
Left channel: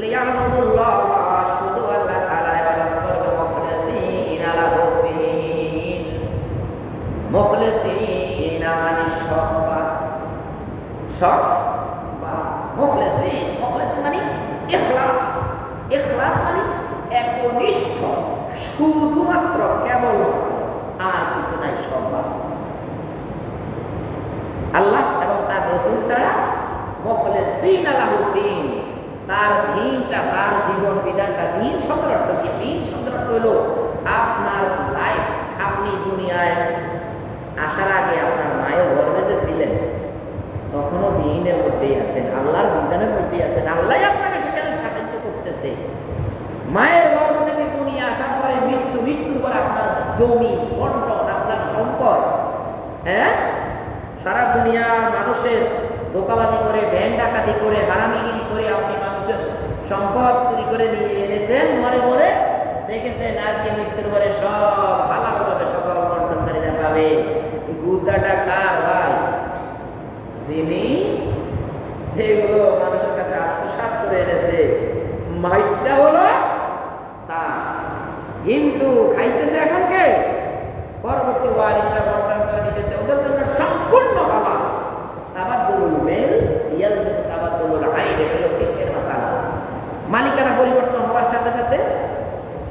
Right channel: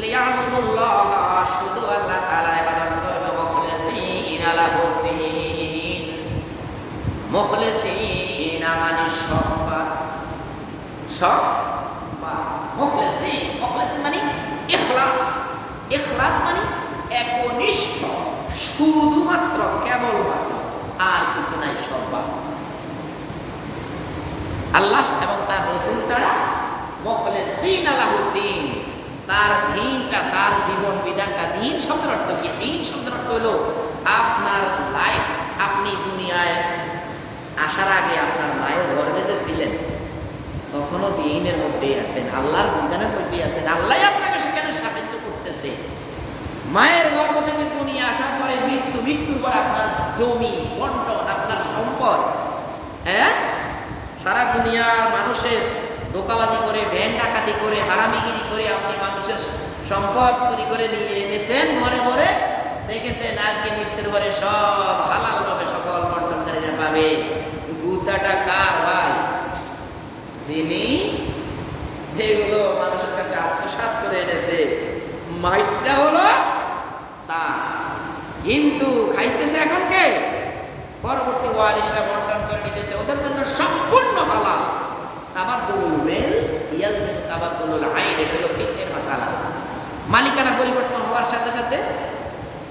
লিয়াবুদুল্লাহ, শুধু আল্লাহ তাআলার ইবাদত করবে, মুখলিসিনা লাহুদ্দিন। মুখলিসিনা মানে সব মুখলিসিন মানে ইখলাস, ইখলাস মানে একনিষ্ঠ, শুধুমাত্র কেবলমাত্র, আর কিছু নাই, সব আল্লাহ এবং তার রাসূল ছাড়া। মুখলিসিনা লাহুদ্দিন, তার দ্বীনটা, তার জীবন বিধানটা। দ্বীন শব্দের অর্থ কি? দ্বীন শব্দের অর্থ হলো আপনার লাইফ, আপনি দুনিয়ায় আসার আগে আপনার মায়ের গর্ভে যে ছিলেন, তখনও দ্বীনের মধ্যেই আছেন, আল্লাহর বিধানের মধ্যেই আছেন। আল্লাহ আপনাকে সেখানে সাহায্য করতেছে। মায়ের গর্ভ থেকে দুনিয়া আসার পরে মৃত্যু, মৃত্যুর পরে আপনার জমি বন্টন, আপনার সম্পদ, হ্যাঁ, সারা দুনিয়ার মানুষের ধোঁকাবাজি করে, ব্যাংক ডাকাতি করে, হারামিগিরি করে আপনি মানুষের সম্পদ চুরি করে নিয়ে এনেছেন ঘরে ঘরে, দেখেছেন আজকে মৃত্যুর পরে সব হালাল ভাবে সকল বন্টনকারীরা পাবে। গুদাটা কার ভাই? যিনি এগুলো মানুষের কাছে আত্মসাৎ করে এনেছে, মাইটটা হলো তার, কিন্তু খাইতেছে এখন কে? পরবর্তী ওয়ারিসরা বন্টন করে নিতেছে, ওদের জন্য সম্পূর্ণ হালাল। তাবাদ্দুলুল মেল ইয়ালজিমু তাবাদ্দুলুল আইন, এটা হলো ফিকহের মাসালা। মালিকানা পরিবর্তন হওয়ার সাথে সাথে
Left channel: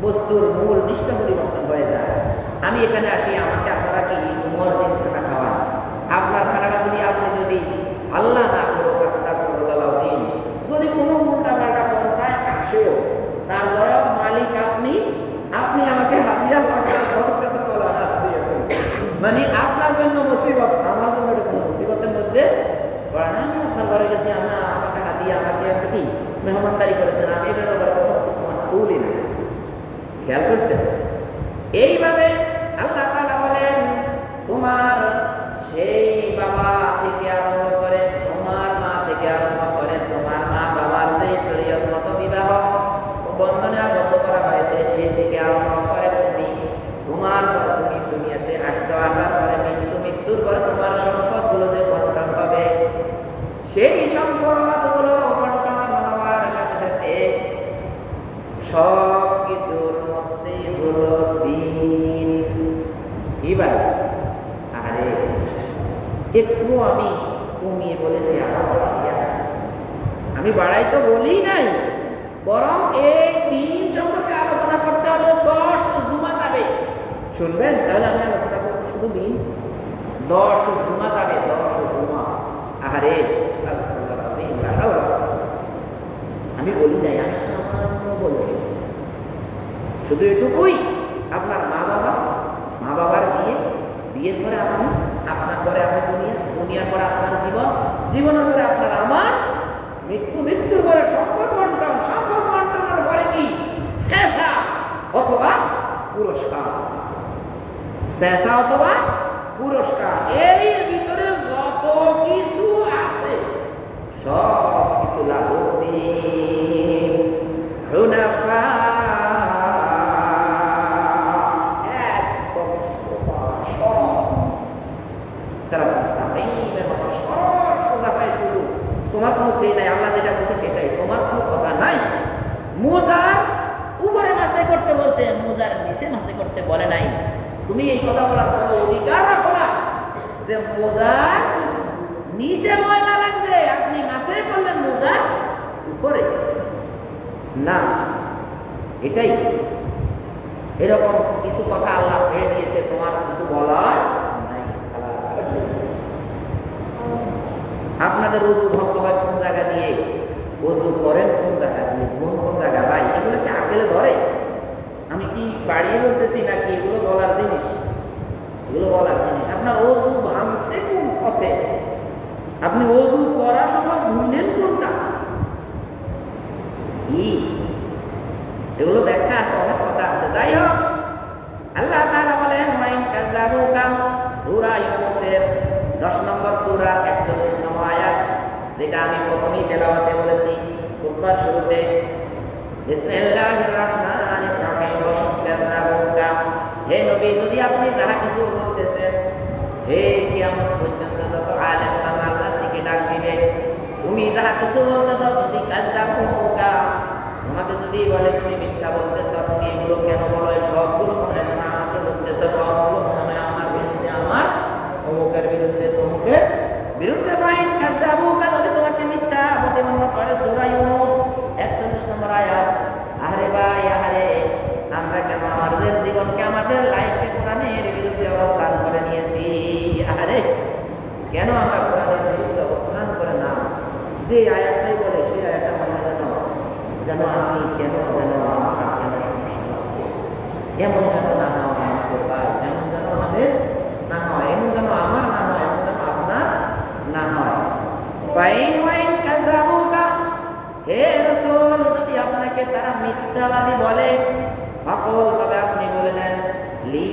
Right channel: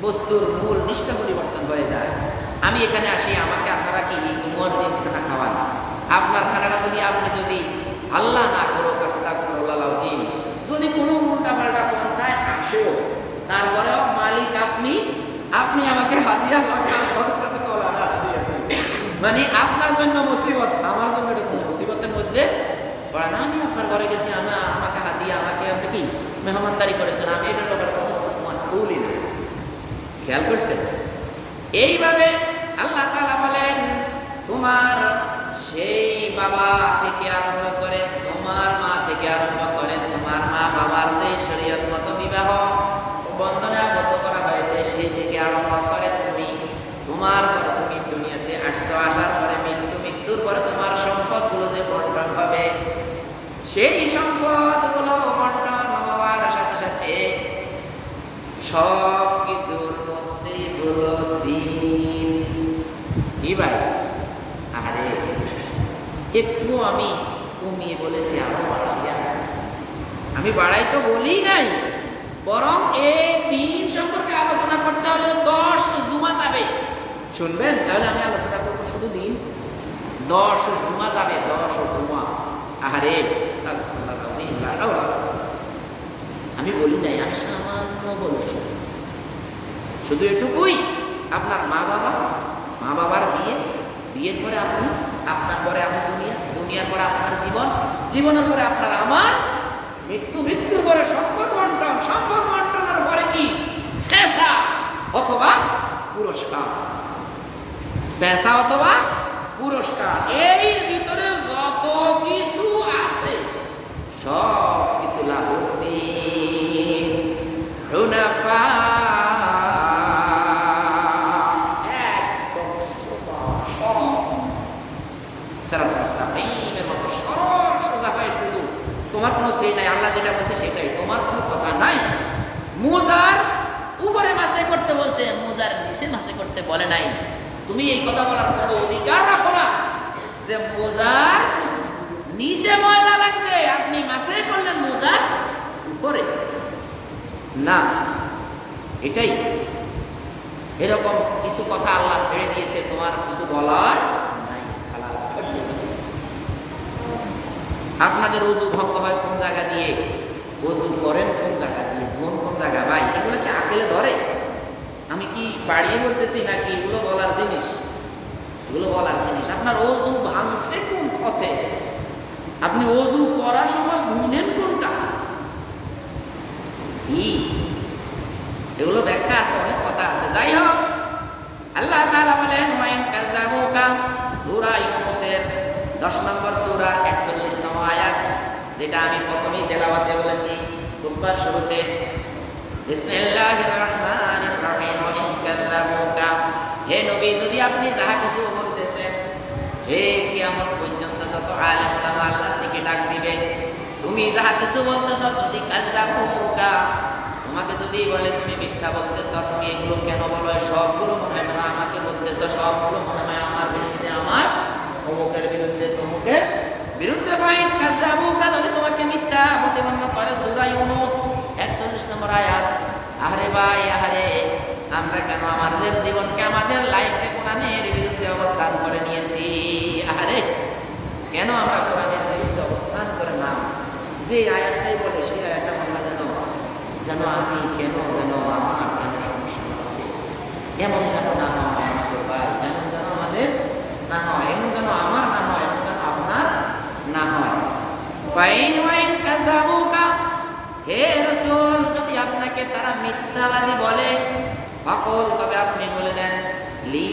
বস্তুর মূল নিষ্ঠা পরিবর্তন হয়ে যায়। আমি এখানে আসি, আমাকে আপনারা কি জুমার দিন খানা খাওয়ান, আপনার খানাটা যদি আপনি যদি আল্লাহ না করো, আস্তাগফিরুল্লাহ আযীম, যদি কোনো উল্টাপাল্টা পন্থায় আসেও, তারপরেও মালিক আপনি, আপনি আমাকে হাদিয়া লাগা সদকা তো কলা না হাদিয়া, মানে আপনার জন্য মুসিবত, আমার জন্য এটা কোনো মুসিবতের মধ্যে পড়ে না। আমি আপনার ঘরে গেছি, আমাকে হাদিয়া, আমাকে আপনি কি মেহমানদারি করেছেন, আমি এটার ব্যাপারে কোনো মাসউলই না। খেয়াল করছেন? এইভাবে আল্লাহ তাআলা বলেন, তোমার সেই বাবা থেকে আরম্ভ করে, তোমার মা থেকে আরম্ভ করে, তোমার মা বাবার যে শরীয়ত মতো বিবাহ বন্ধনে আবদ্ধ করা হয়েছে, সেই থেকে আরম্ভ করে তুমি, তোমার পরে তুমি দুনিয়াতে আসছো, আসার পরে মৃত্যু, মৃত্যুর পরে তোমার সম্পদগুলো যে বন্টন হবে, সেই সম্পদগুলো বন্টন হওয়ার সাথে সাথে সব কিছুর মধ্যে হলো দিন। কি ভাই? আরে একটু আমি কমিয়ে বলেছি, আরো বাড়াইয়া আছে। আমি বাড়াই তো বলি নাই, বরং এই দিন সম্পর্কে আলোচনা করতে হলে 10 জুমা যাবে। শুনবেন? তাহলে আমি আলোচনা করবো শুধু দিন, 10 জুমা যাবে, 10 জুমা। আরে আস্তাগফিরুল্লাহ আযীম, লা হাওলা। আমি বলি নাই, আমি সামান্য বলছি, শুধু এটুকুই, আপনার মা বাবার বিয়ে, বিয়ের পরে আপনি, আপনার পরে আপনি দুনিয়া, দুনিয়ার পরে আপনার জীবন, জীবনের পরে আপনার আমার মৃত্যু, মৃত্যুর পরে সম্পদ বন্টন, সম্পদ বন্টনের পরে কি? শেষা অথবা পুরস্কার, শেষা অথবা পুরস্কার। এই ভিতরে যত কিছু আছে সব কিছু লাহুদ্দিন হুনাফা, একদম সরল, সিরাতুল মুস্তাকিমের মতো সরল সোজা হয়। শুধু তোমার কোনো সেই নাই, আল্লাহ যেটা বলছে সেটাই, তোমার কোনো কথা নাই। মোজার উপরে মাসে করতে বলছে, মোজার নিচে মাসে করতে বলে নাই। তুমি এই কথা বলার কোনো অধিকার রাখো না যে মোজার নিচে ময়লা লাগছে, আপনি মাসে করলেন মোজার উপরে, না। এটাই, এরকম কিছু কথা আল্লাহ ছেড়ে দিয়েছে, তোমার কিছু বলার নাই। আপনাদের ওযু ভঙ্গ হয় কোন জায়গা দিয়ে, ওযু করেন কোন জায়গা দিয়ে, কোন জায়গা, ভাই এগুলো কি আকেলে ধরে? আমি কি বাড়িয়ে বলতেছি নাকি এগুলো বলার জিনিস? এগুলো বলার জিনিস। আপনার ওযু ভাঙছে কোন পথে, আপনি ওযু করার সময় ধুইলেন কোনটা, এগুলো ব্যাখ্যা আছে, অনেক কথা আছে। যাই হোক, আল্লাহ তাআলা বলেন ওয়াইন কাযাবুকা, সূরা ইউনূসের 10 নম্বর সূরার 41 নং আয়াত, যেটা আমি প্রথমেই তেলাওয়াতে বলেছি খুতবার শুরুতে, বিসমিল্লাহির রহমানির রহিম, ওয়াইন কাযাবুকা, হে নবী যদি আপনি যাহা কিছু বলতেছেন, হে কিয়ামত পর্যন্ত যত আলেম ওলামা আল্লাহর দিকে ডাক দিবে, তুমি যাহা কিছু বলতেছ, যদি কাযাবুকা, তোমাকে যদি বলে তুমি মিথ্যা বলতেছ, তুমি এগুলো কেন বলো, সবগুলো মনে হয় যেন আমাকে বলতেছ, সবগুলো মনে হয় আমার বিরুদ্ধে, আমার অমুকের বিরুদ্ধে, তমুকের বিরুদ্ধে। ফাইন কাযাবুকা, যদি তোমাকে মিথ্যা প্রতিপন্ন করে, সূরা ইউনূস 41 নম্বর আয়াত। আরে ভাই, আরে আমরা কেন আমাদের জীবনকে, আমাদের লাইফকে কোরআনের বিরুদ্ধে অবস্থান করে নিয়েছি? আরে কেন আমরা কোরআনের বিরুদ্ধে অবস্থান করে না? যে আয়াতটাই বলে সেই আয়াতটা মনে হয় যেন আমি কেন, যেন আমার কেন সমস্যা হচ্ছে, এমন যেন না হয় আমাদের ভাই, এমন যেন আমাদের না হয়, এমন যেন আমার না হয়, এমন যেন আপনার না হয়। ফাইন ওয়াইন কাযাবুকা, হে রাসূল যদি আপনাকে তারা মিথ্যাবাদী বলে, ফাকুল তবে আপনি বলে দেন, লি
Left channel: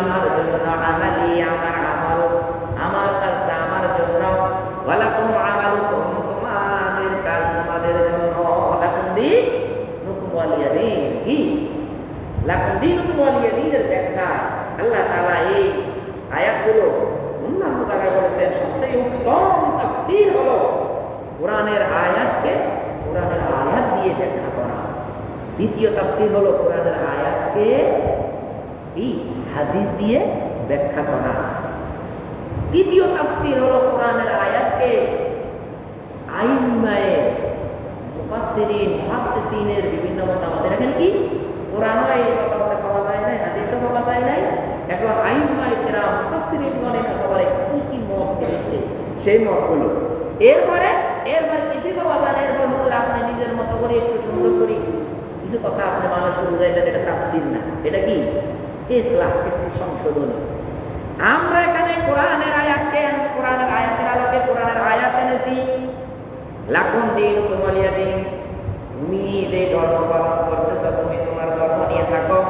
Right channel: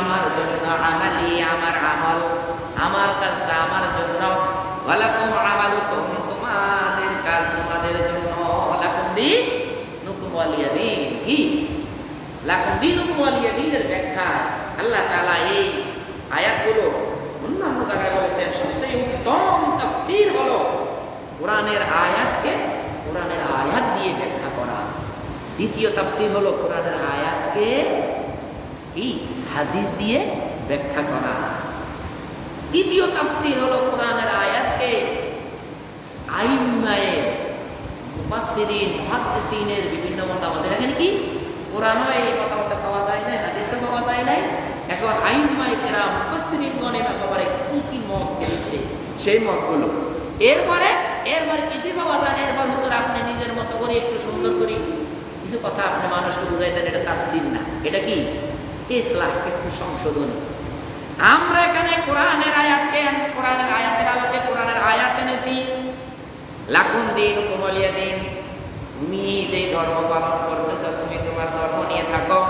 আমার জন্য, আমালি আমার আমল, আমার কাজটা আমার জন্য, ওয়ালাকুম আমালুকুম তোমাদের কাজ তোমাদের জন্য, লাকুম দীনুকুম ওয়ালিয়া দীন। কি লাকুম দীনুকুম ওয়ালিয়া দীনের ব্যাখ্যা আল্লাহ তাআলা এই আয়াতগুলো অন্যান্য জায়গায় বলেছেন। সবচেয়ে উত্তম তাফসীর হলো কোরআনের আয়াতকে কোরআনের আয়াত দিয়ে ব্যাখ্যা করা। দ্বিতীয় তাফসীর হলো কোরআনের আয়াতকে কি হাদিস দিয়ে ব্যাখ্যা করা। তৃতীয় তাফসীর হলো কোরআনের আয়াতকে আইম্মায়ে মুফাসসিরিন মুহাদ্দিসিনের বিভিন্ন মতামত। এখানে কি কোরআনও এই মতামত পাওয়া যায় না, হাদিসও পাওয়া যায় নাই। এখন আইম্মায়ে কেরাম মুফাসসিরিনগণের ব্যাপারে কি কি মত দিয়েছে সেই মতগুলো এরপরে কিছু পাওয়া যায় না। এরপর হুজুর আপনি নিজের মতো করে একটু সুন্দর করে কিছু কথা আপনি মানুষকে বুঝাই দেন, এটা তাফসীর না, এটা কি ইসলাহ, একটু সংশোধন। আমরা এখানে কোরআনের আয়াতের আলোকে কোরআনের আয়াত এনেছি, লাকুম দীনুকুম ওয়ালিয়া দীন। তুমি যে ধর্ম পালন করতেছ তুমি তোমার ধর্ম নিয়ে থাকো।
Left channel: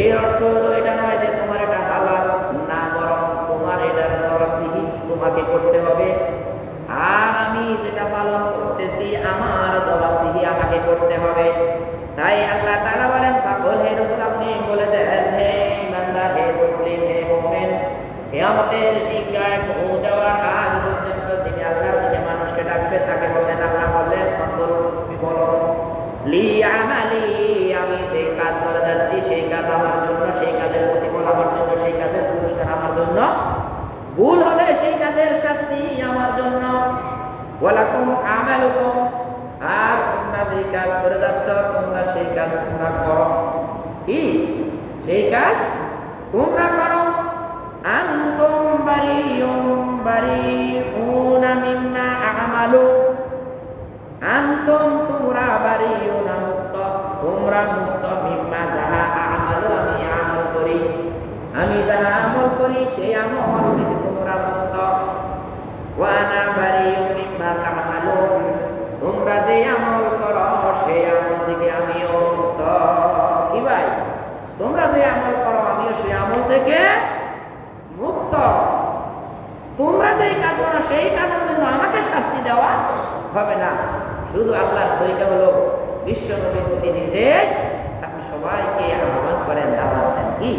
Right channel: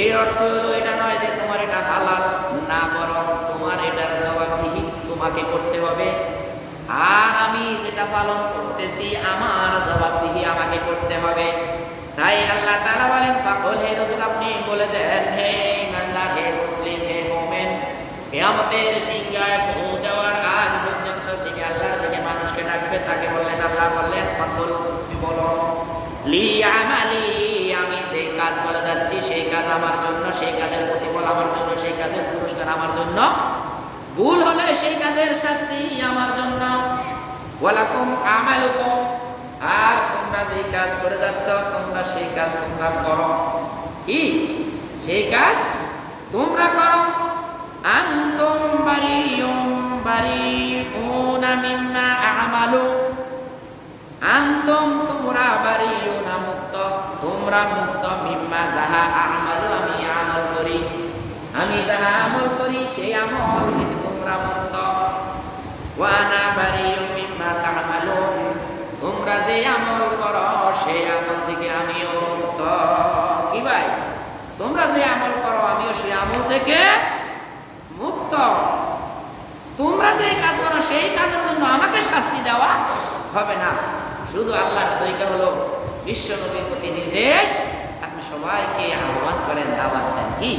এর অর্থ হলো এটা নয় যে তোমার এটা হালাল না, বরং তোমার এটার জবাবদিহি তোমাকে করতে হবে। আর আমি যেটা পালন করতেছি আমার জবাবদিহি আমাকে করতে হবে। তাই আল্লাহ তাআলা বলেন, ফাকুল হে রাসূল আপনি বলে দেন, হে ইমানদার, হে মুসলিম, হে মুমিন, কিয়ামতের সিংহায় ফু দেওয়ার আগ পর্যন্ত যিনি আল্লাহর দিকে মানুষকে ডাকবে তাকে বললেন, আল্লাহ বললেন, ফাকুল তুমি বলো, লি আমালি আমি যে কাজ করে যাচ্ছি সেই কাজ আমার জন্য, সেই কাজের প্রতিফল আমার জন্য, সেই কাজের পুরস্কার আমার জন্য, ভুল হলে সেই কাজের শাস্তি আমার জন্য, ওয়ালাকুম আমালুকুম আর তোমরা যে কাজ করে যাচ্ছ তোমরা সেই কাজ তোমরা করো। কি সেই কাজ তোমরা করো। আনতুম বারিউনা মিম্মা আমালু, আনতুম তোমরা বারিউনা মুক্ত, তোমরা মুক্ত, মিম্মা যাহা আমালু আমি আমল করি, আমি যাহা আমল করি সেই আমল থেকে তোমরা মুক্ত। ওয়া আনা বারিউম মিম্মা তা'মালুন, তোমরা যে আমল করো সেই আমল থেকে আমিও মুক্ত। কি ভাই, তোমরা যে আমল করো আমিও সেই আমল থেকে মুক্ত। তোমরা যে কাজ করো সেই কাজের জন্য আমাকে শাস্তি দেওয়া হবে না। শুধু আল্লাহর তরিকা হলো বিশ্ব নবীর প্রতি নির্দেশ, আপনি সবাইকে আহ্বান করেন, দাওয়াত দেন। কি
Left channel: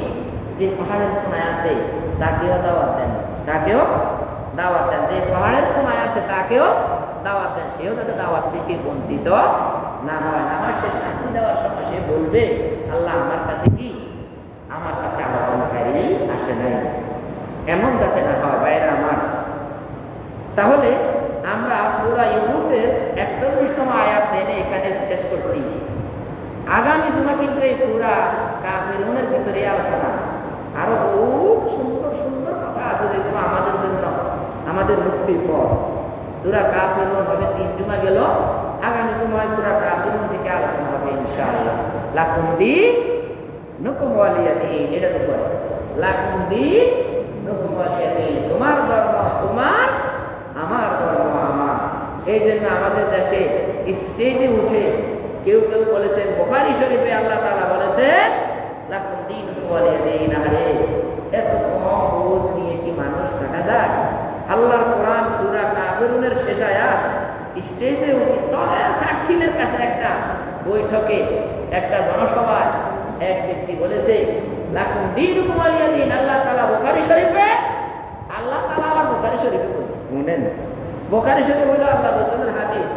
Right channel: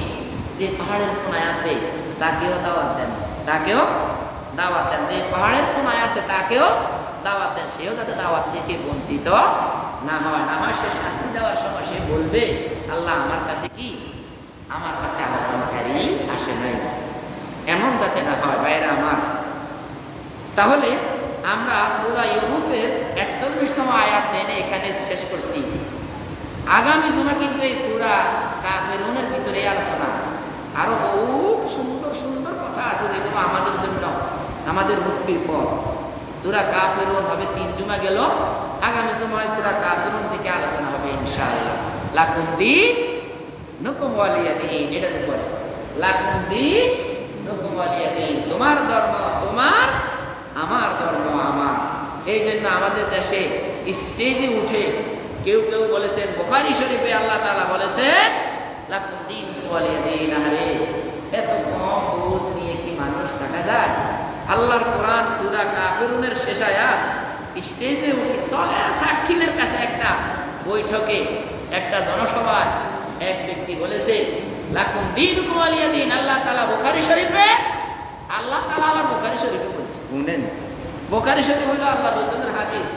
যে পাহাড়ের কোনায় আছে তাকেও দাওয়াত দেন, তাকেও দাওয়াত দেন। যে পাহাড়ের কোনায় আছে তাকেও দাওয়াত দেন, সেও যাতে দাওয়াত থেকে বঞ্চিত না হয়। না হয় সে শাস্তি দেওয়ার সময় সে বলবে, আল্লাহ আমার কাছে কি, আমার কাছে আহ্বানকারী আসে নাই। এমন যাতে না হয় ভাইরা আমার। তাহলে আমরা সূরা ইউনূসের ৪১তম আয়াত এনে এখানে শেষ করছি। আগামী জুমা কিন্তু এই সূরা কাফিরুনের ভিতরে আলোচনা, আরো বহুত সুন্দর সুন্দর কথা আছে যেগুলো আমাদের জন্য, আমাদের মুক্তির পথ। সূরা কাফিরুন হবে ৩ জুমা গেল, আগামী জুমায় সূরা কাফিরুন থেকে আলোচনা হবে ইনশাআল্লাহ। লাকুম দীনুকুম ওয়ালিয়া দীন, এটার উপরে লাকুম দীনুকুম ওয়ালিয়া দীন, তোমার ধর্ম তোমার, আমার ধর্ম আমার। এই জন্য আমাদের দেশে স্টেজে উঠে কেউ কেউ বলেছেন, বুখারী শরীফে আল্লাহ তাআলা বলেছেন লাকুম দীনুকুম ওয়ালিয়া দীন। আরে এত কম বোঝ নিয়ে কি মানুষ থাকা যায়? আল্লাহর কোরআন সূরা কাফিরুনের শেষ আয়াত, স্টেজে উঠি সাক্ষীদের কাছে একটা বৈঠকে, একটা জনসভায় এক ব্যক্তি বলেছে লাকুম দীনুকুম ওয়ালিয়া দীন। আল্লাহ তাআলা বুখারী শরীফে, আল্লাহ তাআলা আবার বুখারী শরীফে বলছে, শুনেন, বুখারী শরীফ হলো আল্লাহ রাসূলের হাদিস।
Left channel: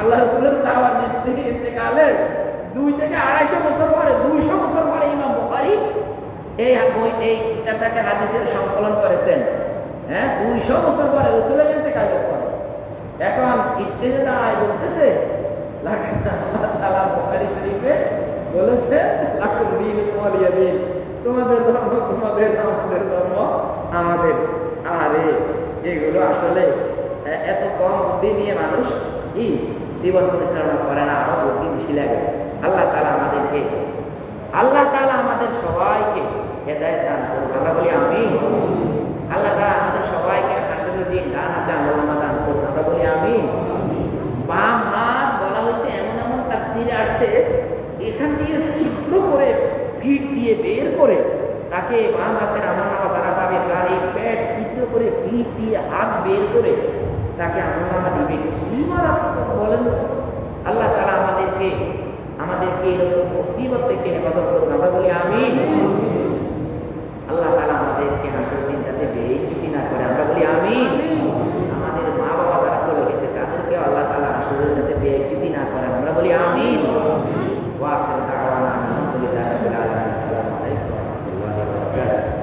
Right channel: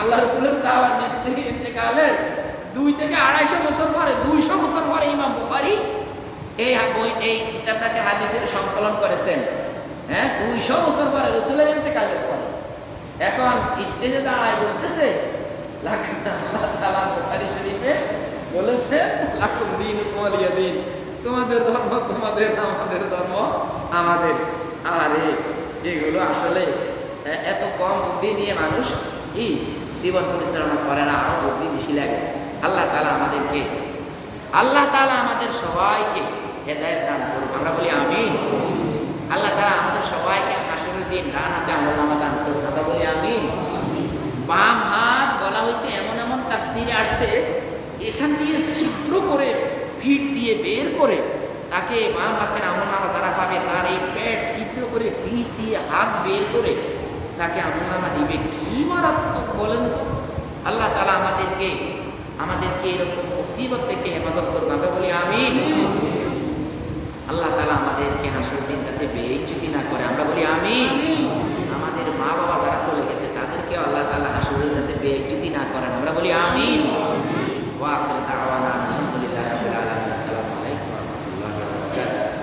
আল্লাহ রাসূলের যাওয়ার ইন্তেকালের 2 থেকে 250 বছর পরে, 200 বছর পরে ইমাম বুখারী এই কিতাবটাকে হাদিসের সংকলন করেছেন। হ্যাঁ, 200 বছর পরে রাসূলের ইন্তেকালের পরে। এখন স্টেজে দাঁড়ায় বলতেছে আল্লাহ তাআলা বুখারী শরীফে বলেছে লাকুম দীনুকুম ওয়ালিয়া দীন, তোমাদের ধর্ম তোমাদের, আমাদের ধর্ম আমাদের। আরে এগুলো আসলে এত কম বুদ্ধি নিয়ে মানুষ কি জীবন পরিচালনা করে না, আরো বুদ্ধি বেশি লাগে। আল্লাহ তাআলা আমাদেরকে, আল্লাহ তাআলা আমাদের সবাইকে হেদায়েত দান করুন। আমরা বলি আমিন। আল্লাহ তাআলা আমাদের সবাইকে হাসরের দিন ডান হাতে আমলনামা দান করুন, আমরা বলি আমিন। বাম হাত বলা হয়েছে এমন এমন তাফসীরে আসছে, এখান দিয়ে ছিদ্র করে ফিট দিয়ে বের করে তাকে বাম হাতের আমলনামা যারা পাবে তার এই পেট ছিদ্র করে ফিট দিয়ে হাত বের করে তাকে আমলনামা দিবে। কি মারাত্মক বলেন তো! আল্লাহ তাআলা আমাদেরকে এরকম মুসিবত থেকে হেফাজত করুন, আমরা বলি আমিন। আল্লাহ তাআলা আমাদেরকে হাসরের দিন যাতে বেইজ্জতি না করে, আমরা বলি আমিন। আমাদের মা বাবা যারা চলে গেছে তাদেরকে আল্লাহ তাআলা হাসরের দিন যাতে বেইজ্জতি না করেন, আমরা বলি আমিন। ওয়া আখিরু দাওয়ানা আলহামদুলিল্লাহি রাব্বিল আলামিন। আসসালামু আলাইকুম ওয়া রাহমাতুল্লাহি ওয়া বারাকাতুহু।